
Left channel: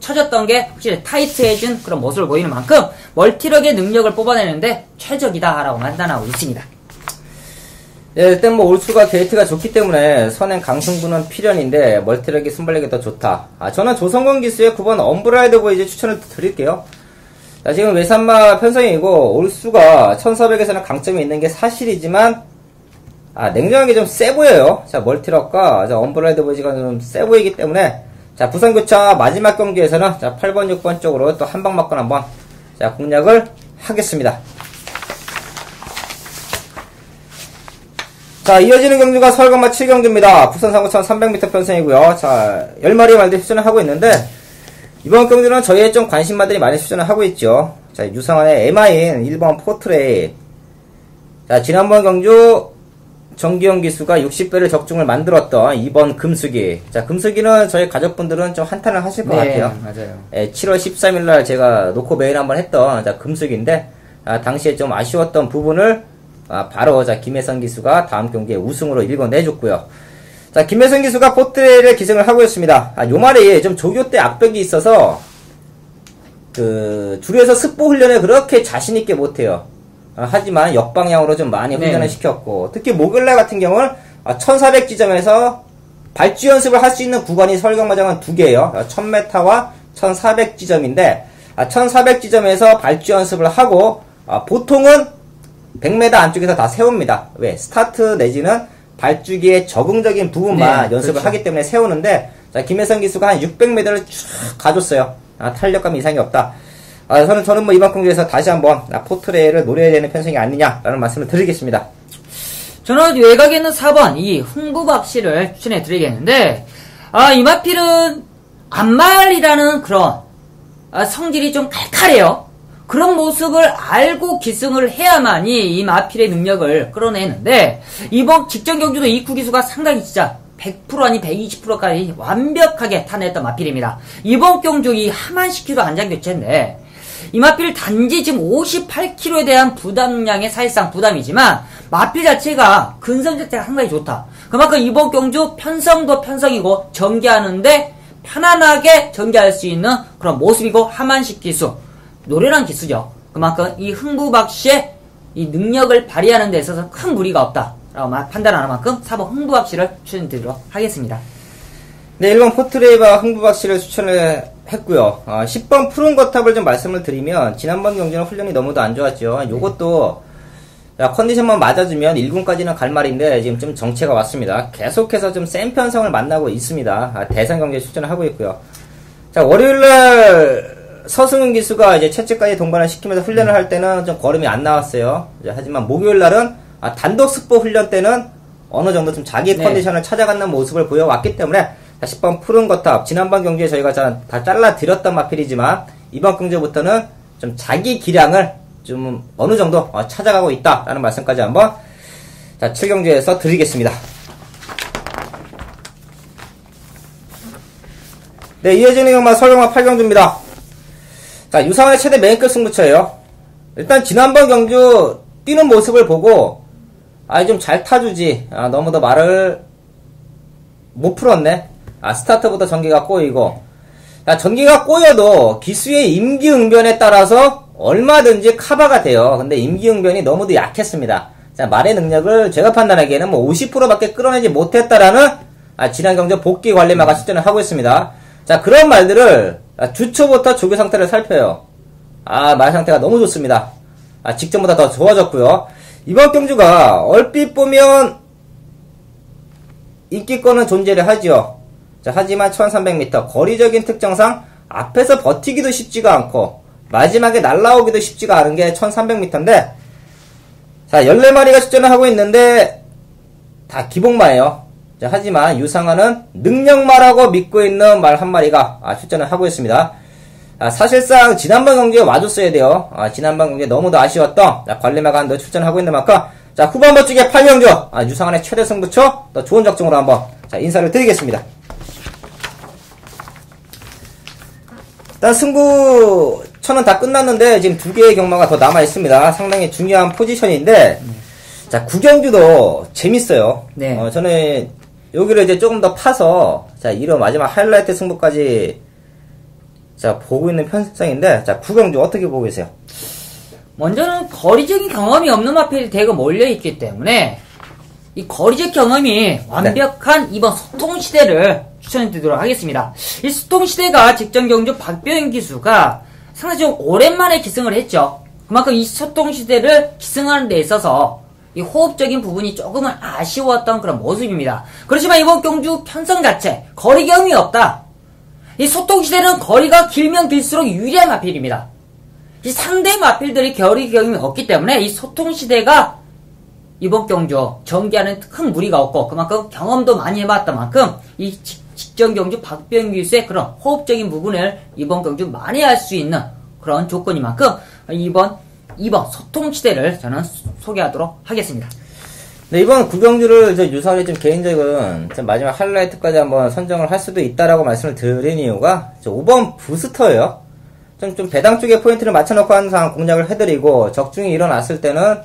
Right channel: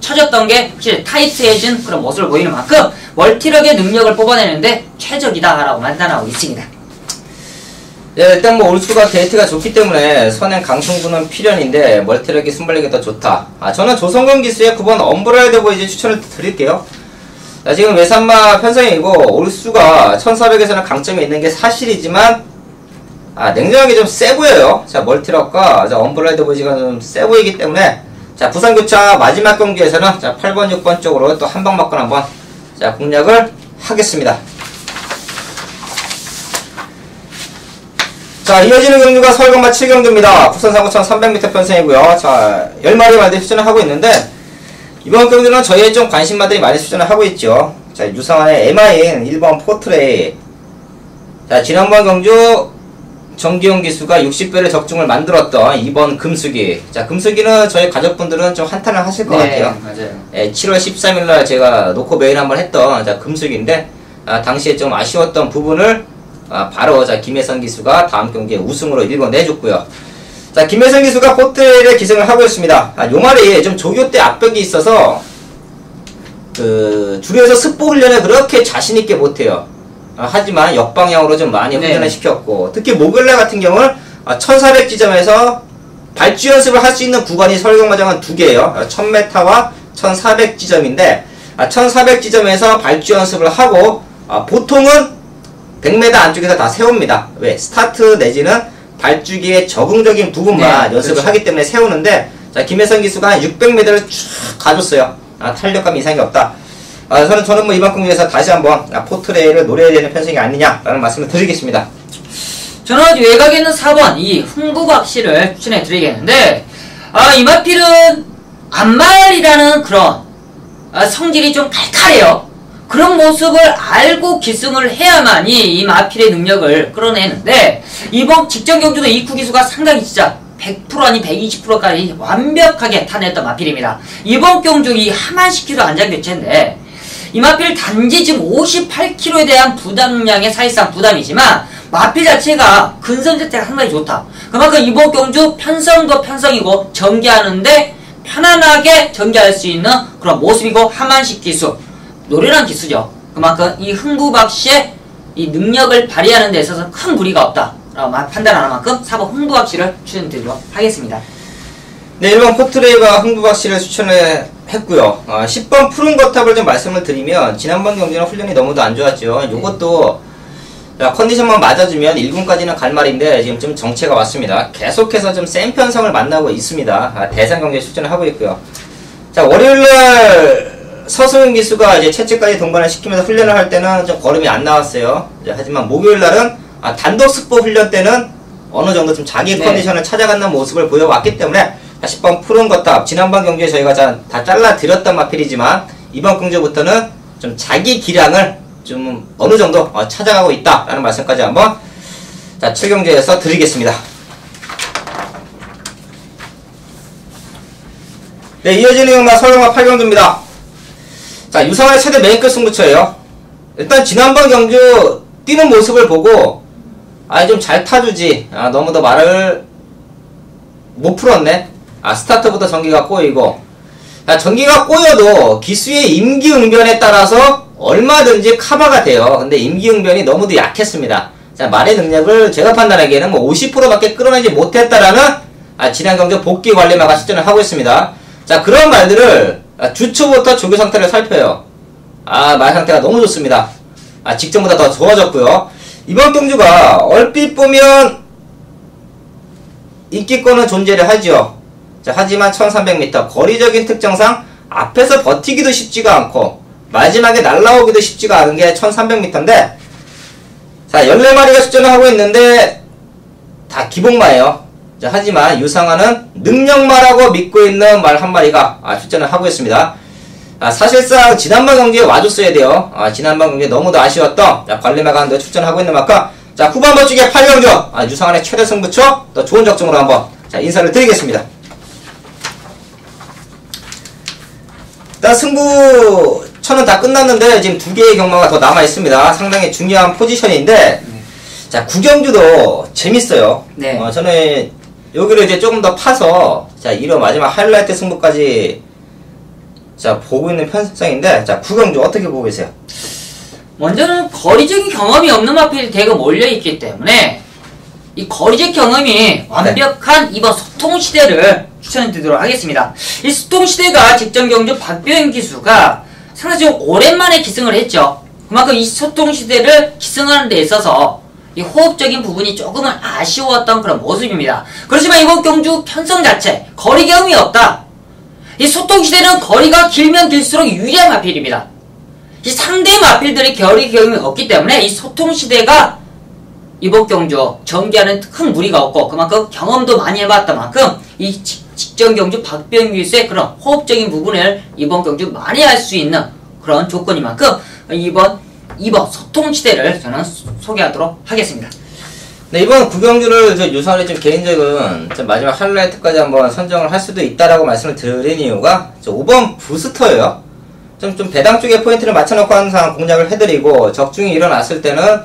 쳐졌던 게 확실히 타이트해진 그런 모습을 보이는 만큼 멀티력의 능력을 뽑아내는데 최적이다 라고 판단하고 있습니다. 예, 일단 뭐 올수가 데이트가 좋기 때문에 선행 강승부는 필연인데 멀티력이 순발력이 더 좋다. 저는 조성건 기수의 9번 엄브라이드 보이지 추천을 드릴게요. 자, 지금 외산마 편성이고 올수가 1400에서는 강점이 있는 게 사실이지만 냉정하게 좀 세 보여요. 자, 멀티력과 엄브라이드 보이지가 좀 세 보이기 때문에, 자, 부산교차 마지막 경기에서는 자, 8번 6번 쪽으로 또 한 방 맞고 한번 자, 공략을 하겠습니다. 자, 이어지는 경주가 서울경마 7경주입니다. 부산 상구천 300m 편성이고요. 자, 10마리 말들 추천을 하고 있는데, 이번 경주는 저희의 좀 관심마들이 많이 추천을 하고 있죠. 자, 유상한의 MIN 1번 포트레이. 자, 지난번 경주 정기용 기수가 60배를 적중을 만들었던 2번 금수기. 자, 금수기는 저희 가족분들은 좀 한탄을 하실 것 같아요. 맞아요. 예, 7월 13일날 제가 놓고 매일 한번 했던 자, 금수기인데, 당시에 좀 아쉬웠던 부분을 바로 자, 김혜선 기수가 다음 경기에 우승으로 읽어내줬고요. 자, 김혜선 기수가 포트레이를 기승을 하고 있습니다. 요 말이 좀 조교 때 압박이 있어서 주류에서 습보 훈련을 그렇게 자신있게 못해요. 하지만 역방향으로 좀 많이 훈련을 시켰고, 특히 목요일날 같은 경우는 1400 지점에서 발주 연습을 할 수 있는 구간이 서울경마장은 2개예요. 1000m와 1400 지점인데, 1400 지점에서 발주 연습을 하고, 보통은 100m 안쪽에서 다 세웁니다. 왜? 스타트 내지는 발주기의 적응적인 부분만 연습을 그렇죠. 하기 때문에 세우는데, 자, 김혜선 기수가 한 600m를 쭉 가줬어요. 탄력감 이상이 없다. 저는 뭐 이번 경기에서 다시 한번 포트레이를 노려야 되는 편성이 아니냐라는 말씀을 드리겠습니다. 저는 외곽에는 4번 이 흥부박씨를 추천해 드리겠는데, 이 마필은 안말이라는 그런 성질이 좀 칼칼해요. 그런 모습을 알고 기승을 해야만이 이 마필의 능력을 끌어내는데, 이번 직전 경주도 이쿠 기수가 상당히 진짜 100% 아니 120%까지 완벽하게 타냈던 마필입니다. 이번 경주 이 하만시키로 안장교체인데, 이 마필 단지 지금 58kg에 대한 부담량의 사실상 부담이지만 마필 자체가 근선 자체가 상당히 좋다. 그만큼 이번 경주 편성도 편성이고 전개하는데 편안하게 전개할 수 있는 그런 모습이고, 하만식 기수 노련한 기수죠. 그만큼 이 흥부박씨의 이 능력을 발휘하는 데 있어서 큰 무리가 없다 라고 판단하는 만큼 4번 흥부박씨를 추천드리도록 하겠습니다. 네, 1번 포트레이가 흥부박씨를 추천을 했고요. 10번 푸른 거탑을 좀 말씀을 드리면, 지난번 경기는 훈련이 너무도 안 좋았죠. 요것도 컨디션만 맞아주면 1군까지는 갈 말인데 지금 좀 정체가 왔습니다. 계속해서 좀 센 편성을 만나고 있습니다. 대상 경기에 출전을 하고 있고요. 자, 월요일날 서승윤 기수가 이제 채찍까지 동반을 시키면서 훈련을 할 때는 좀 걸음이 안 나왔어요. 하지만 목요일날은 단독 습보 훈련 때는 어느 정도 좀 자기 컨디션을 찾아가는 모습을 보여왔기 때문에 10번 푸른 거탑, 지난번 경기에 저희가 다 잘라드렸던 마필이지만 이번 경주부터는 좀 자기 기량을 좀 어느 정도 찾아가고 있다라는 말씀까지 한번 7경주에서 드리겠습니다. 네, 이어지는 경마 서울경마 8경주입니다. 자, 유상의 최대 메인급 승부처예요. 일단 지난번 경주 뛰는 모습을 보고 좀 잘 타주지, 너무 더 말을 못 풀었네. 스타트부터 전기가 꼬이고. 전기가 꼬여도 기수의 임기응변에 따라서 얼마든지 커버가 돼요. 근데 임기응변이 너무도 약했습니다. 자, 말의 능력을 제가 판단하기에는 뭐 50%밖에 끌어내지 못했다라는 지난 경주 복귀 관리마가 시전을 하고 있습니다. 자, 그런 말들을 주초부터 조교 상태를 살펴요. 말 상태가 너무 좋습니다. 직전보다 더 좋아졌고요. 이번 경주가 얼핏 보면 인기권은 존재를 하죠. 자, 하지만 1300m 거리적인 특성상 앞에서 버티기도 쉽지가 않고 마지막에 날라오기도 쉽지가 않은 게 1300m인데 자, 14마리가 출전을 하고 있는데 다 기복마예요. 자, 하지만 유상하는 능력마라고 믿고 있는 말 한 마리가 출전을 하고 있습니다. 사실상 지난번 경기에 와줬어야 돼요. 지난번 경기에 너무도 아쉬웠던 관리마가 한번 출전하고 있는 만큼 자, 후반 버쪽에 8경주 유상한의 최대 승부처 또 좋은 적중으로 한번 인사를 드리겠습니다. 일단 승부처는 다 끝났는데 지금 2개의 경마가 더 남아 있습니다. 상당히 중요한 포지션인데 자, 9경주도 재밌어요. 네. 저는 여기를 이제 조금 더 파서 자, 이런 마지막 하이라이트 승부까지 자, 보고 있는 편성인데 자, 9경주 어떻게 보고 계세요? 먼저는 거리적인 경험이 없는 마필이 대거 몰려있기 때문에 이 거리적 경험이 완벽한 이번 소통시대를 추천해드리도록 하겠습니다. 이 소통시대가 직전 경주 박병현 기수가 상당히 좀 오랜만에 기승을 했죠. 그만큼 이 소통시대를 기승하는 데 있어서 이 호흡적인 부분이 조금은 아쉬웠던 그런 모습입니다. 그렇지만 이번 경주 편성 자체 거리 경험이 없다. 이 소통시대는 거리가 길면 길수록 유리한 마필입니다. 이 상대 마필들이 거리 경험이 없기 때문에 이 소통시대가 이번 경주 전개하는 큰 무리가 없고 그만큼 경험도 많이 해봤던 만큼 이 직전 경주 박병규 기수의 그런 호흡적인 부분을 이번 경주 많이 할 수 있는 그런 조건인 만큼 이번 소통시대를 저는 소개하도록 하겠습니다. 네, 이번 9경주를 유선이 좀 개인적인 좀 마지막 하이라이트까지 한번 선정을 할 수도 있다라고 말씀을 드린 이유가 5번 부스터예요. 좀 배당 쪽에 포인트를 맞춰놓고 항상 공략을 해드리고 적중이 일어났을 때는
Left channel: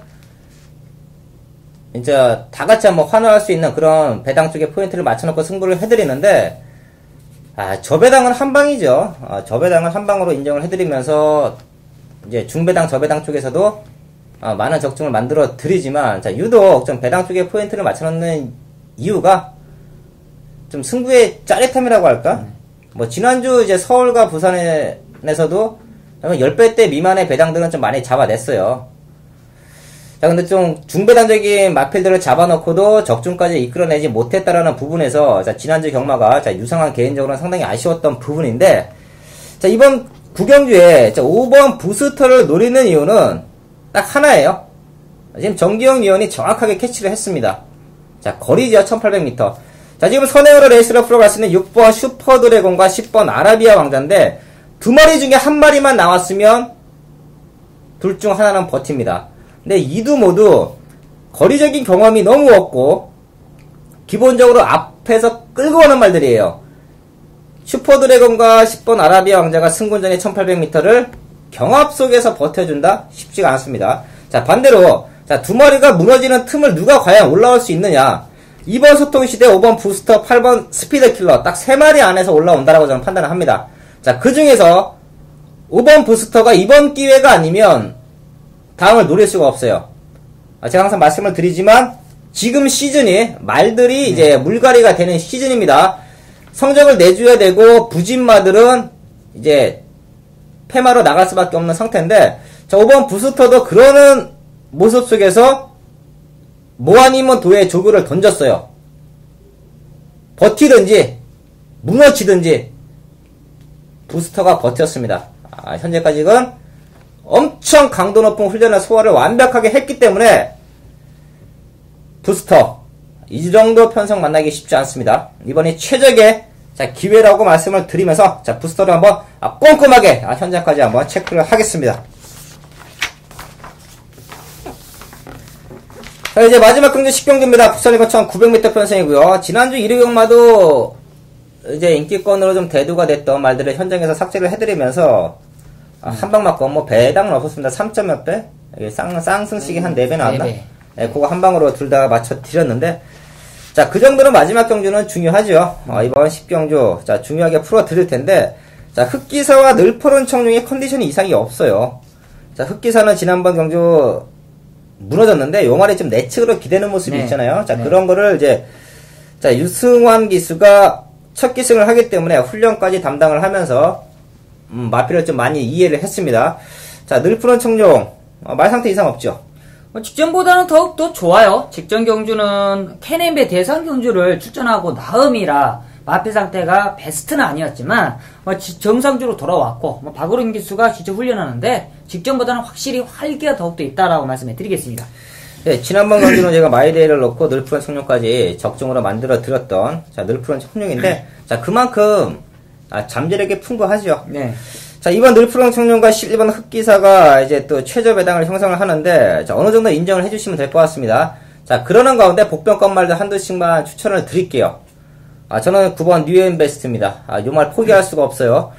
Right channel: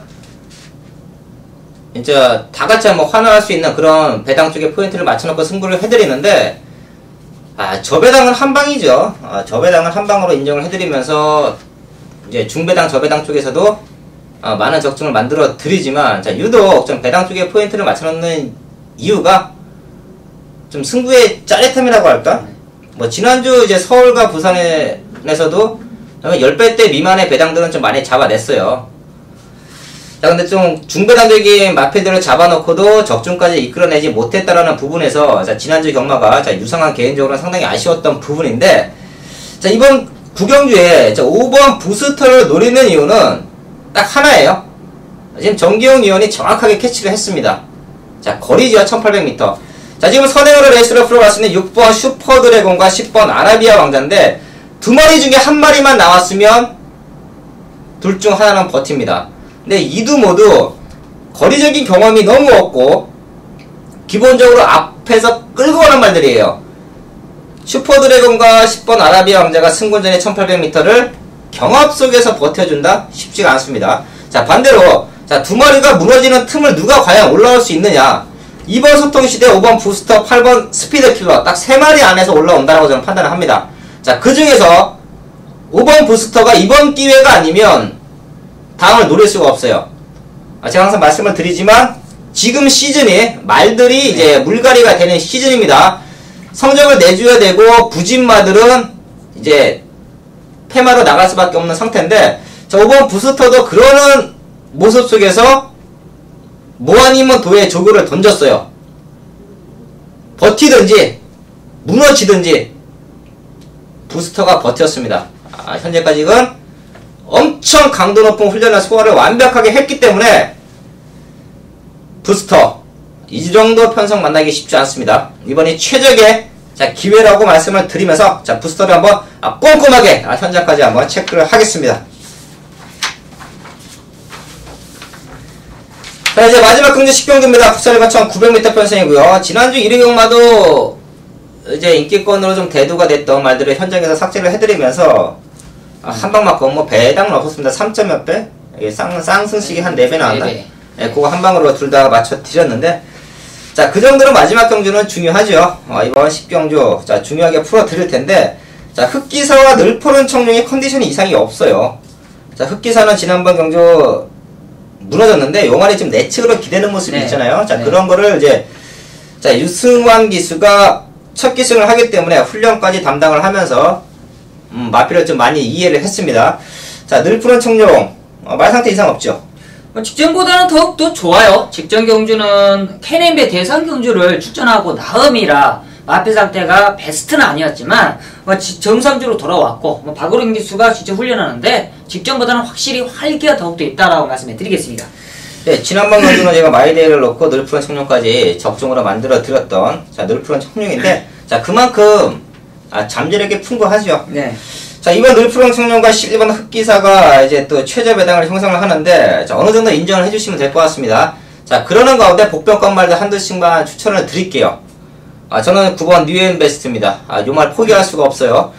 진짜 다같이 한번 환호할 수 있는 그런 배당 쪽에 포인트를 맞춰놓고 승부를 해드리는데 저배당은 한방이죠. 저배당은 한방으로 인정을 해드리면서 이제 중배당 저배당 쪽에서도 많은 적중을 만들어 드리지만 자, 유독 좀 배당 쪽에 포인트를 맞춰놓는 이유가 좀 승부의 짜릿함이라고 할까? 뭐 지난주 이제 서울과 부산에서도 10배대 미만의 배당들은 좀 많이 잡아냈어요. 자, 근데 좀 중배당적인 마필들을 잡아놓고도 적중까지 이끌어내지 못했다라는 부분에서 자, 지난주 경마가 자, 유상한 개인적으로는 상당히 아쉬웠던 부분인데 자, 이번 9경주에 5번 부스터를 노리는 이유는 딱 하나예요. 지금 정기용 위원이 정확하게 캐치를 했습니다. 자, 거리죠. 1800m. 자, 지금 선행으로 레이스를 풀어봤을 때 6번 슈퍼드래곤과 10번 아라비아 왕자인데 두 마리 중에 한 마리만 나왔으면 둘 중 하나는 버팁니다. 근데 이 두 모두 거리적인 경험이 너무 없고 기본적으로 앞에서 끌고 오는 말들이에요. 슈퍼드래곤과 10번 아라비아 왕자가 승군전의 1800m를 경합 속에서 버텨준다? 쉽지가 않습니다. 자, 반대로 자, 두 마리가 무너지는 틈을 누가 과연 올라올 수 있느냐? 2번 소통시대, 5번 부스터, 8번 스피드킬러 딱 3마리 안에서 올라온다라고 저는 판단을 합니다. 자, 그 중에서 5번 부스터가 이번 기회가 아니면 다음을 노릴 수가 없어요. 제가 항상 말씀을 드리지만 지금 시즌이 말들이 이제 물갈이가 되는 시즌입니다. 성적을 내줘야 되고 부진마들은 이제 패마로 나갈 수밖에 없는 상태인데 자, 5번 부스터도 그러는 모습 속에서 뭐 아니면 도에 조교를 던졌어요. 버티든지 무너지든지 부스터가 버텼습니다. 현재까지는 엄청 강도 높은 훈련과 소화를 완벽하게 했기 때문에 부스터 이 정도 편성 만나기 쉽지 않습니다. 이번이 최적의 자, 기회라고 말씀을 드리면서 자, 부스터를 한번 꼼꼼하게 현장까지 한번 체크를 하겠습니다. 자, 이제 마지막 경주 10경주입니다. 국산일 거천 900m 편성이고요. 지난주 1위 경마도 이제 인기권으로 좀 대두가 됐던 말들을 현장에서 삭제를 해드리면서 한방 맞고 뭐 배당은 없었습니다. 3점 몇 배? 이게 쌍승식이 한 4배 나왔나? 예, 그거 한방으로 둘 다 맞춰 드렸는데 자, 그 정도로 마지막 경주는 중요하죠. 이번 10경주, 자, 중요하게 풀어드릴 텐데, 자, 흑기사와 늘푸른 청룡의 컨디션이 이상이 없어요. 자, 흑기사는 지난번 경주 무너졌는데, 요 말이 좀 내측으로 기대는 모습이 네. 있잖아요. 자, 네. 그런 거를 이제, 자, 유승환 기수가 첫 기승을 하기 때문에 훈련까지 담당을 하면서, 마피를 좀 많이 이해를 했습니다. 자, 늘푸른 청룡, 말 상태 이상 없죠. 직전보다는 더욱더 좋아요. 직전 경주는 KNB 대상 경주를 출전하고 나음이라 마피 상태가 베스트는 아니었지만 정상적으로 돌아왔고 박우림 기수가 진짜 훈련하는데 직전보다는 확실히 활기가 더욱더 있다라고 말씀해 드리겠습니다. 네, 지난번 경주는 제가 마이데이를 놓고 늘푸른 청룡까지 적중으로 만들어 드렸던 자, 늘푸른 청룡인데 자, 그만큼 잠재력이 풍부하죠. 네. 자, 이번 늘푸른 청룡과 11번 흑기사가 이제 또 최저 배당을 형성을 하는데 자, 어느 정도 인정을 해주시면 될 것 같습니다. 자, 그러는 가운데 복병권 말도 한두씩만 추천을 드릴게요. 저는 9번 뉴앤베스트입니다. 요 말 포기할 수가 없어요.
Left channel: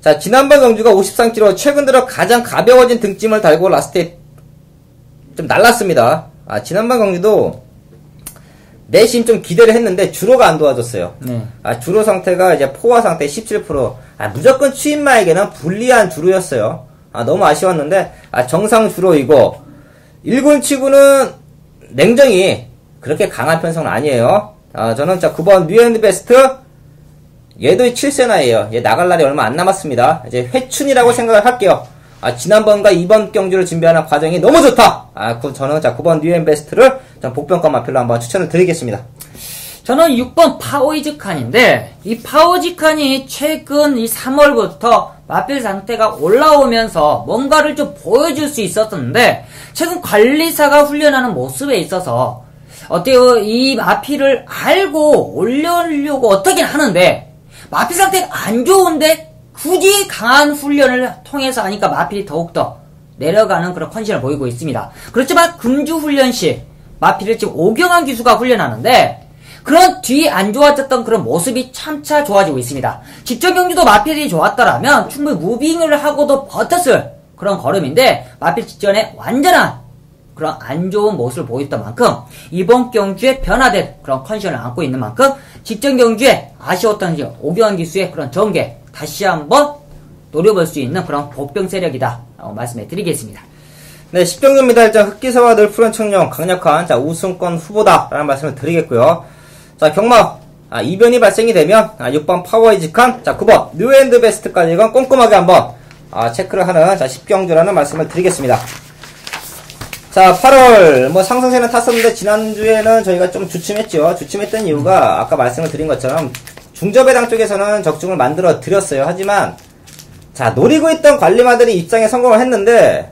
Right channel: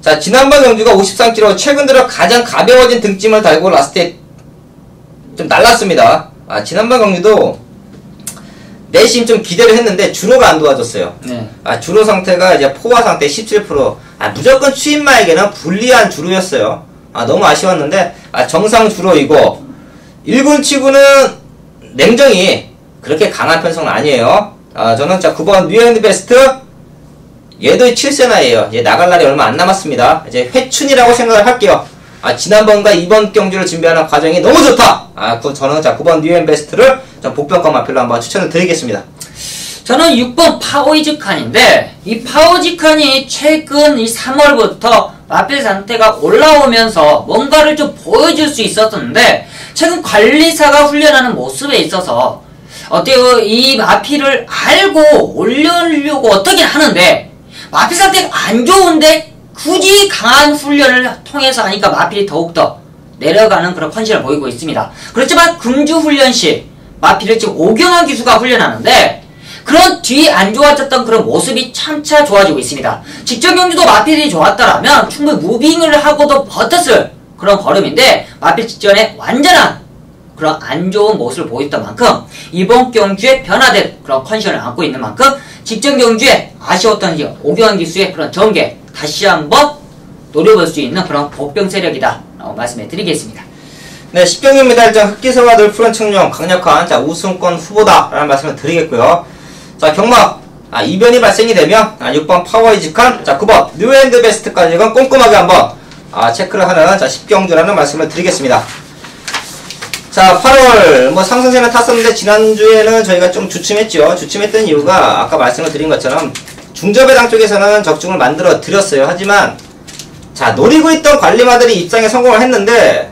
자, 지난번 경주가 53kg, 최근 들어 가장 가벼워진 등짐을 달고 라스트에 좀 날랐습니다. 지난번 경주도 내심 좀 기대를 했는데 주로가 안 도와줬어요. 네. 주로 상태가 이제 포화 상태 17%. 무조건 추임마에게는 불리한 주로였어요. 너무 아쉬웠는데 정상 주로이고 1군 치고는 냉정히 그렇게 강한 편성은 아니에요. 저는 자 9번 뉴앤베스트 얘도 7세나예요. 얘 나갈 날이 얼마 안 남았습니다. 이제 회춘이라고 생각을 할게요. 지난번과 이번 경주를 준비하는 과정이 너무 좋다. 저는 자 9번 뉴앤베스트를 복병권 마필로 한번 추천을 드리겠습니다. 저는 6번 파워이즈칸인데 이 파워이즈칸이 최근 이 3월부터 마필 상태가 올라오면서 뭔가를 좀 보여줄 수 있었는데 최근 관리사가 훈련하는 모습에 있어서 어때요? 이 마필을 알고 올려려고 어떻긴 하는데 마필 상태가 안 좋은데 굳이 강한 훈련을 통해서 하니까 마필이 더욱더 내려가는 그런 컨디션을 보이고 있습니다. 그렇지만 금주 훈련 시 마필을 지금 오경환 기수가 훈련하는데 그런 뒤 안 좋아졌던 그런 모습이 참차 좋아지고 있습니다. 직전 경주도 마필이 좋았다라면 충분히 무빙을 하고도 버텼을 그런 걸음인데 마필 직전에 완전한 그런 안 좋은 모습을 보였던 만큼 이번 경주에 변화된 그런 컨디션을 안고 있는 만큼 직전 경주에 아쉬웠던 오경환 기수의 그런 전개 다시 한번 노려볼 수 있는 그런 복병 세력이다 라고 말씀해 드리겠습니다. 네, 10경주 메달장 흑기사와 늘푸른 청룡 강력한 자 우승권 후보다 라는 말씀을 드리겠고요. 자, 경마 이변이 발생이 되면 6번 파워이즈칸, 자 9번 뉴앤드베스트까지 이건 꼼꼼하게 한번 체크를 하는 자 10경주라는 말씀을 드리겠습니다. 자, 8월 상승세는 탔었는데 지난주에는 저희가 좀 주춤했죠. 주춤했던 이유가 아까 말씀을 드린 것처럼 중저배당 쪽에서는 적중을 만들어 드렸어요. 하지만 자, 노리고 있던 관리마들이 입장에 성공을 했는데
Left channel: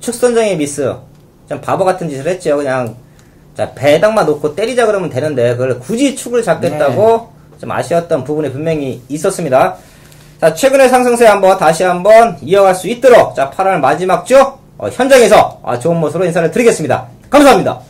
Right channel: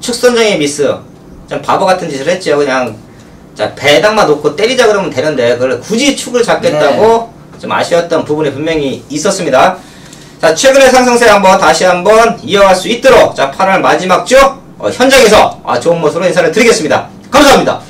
축선정의 미스, 좀 바보 같은 짓을 했죠. 그냥 자, 배당만 놓고 때리자 그러면 되는데 그걸 굳이 축을 잡겠다고 좀 아쉬웠던 부분이 분명히 있었습니다. 자, 최근의 상승세 다시 한번 이어갈 수 있도록 자 8월 마지막 주 현장에서 좋은 모습으로 인사를 드리겠습니다. 감사합니다.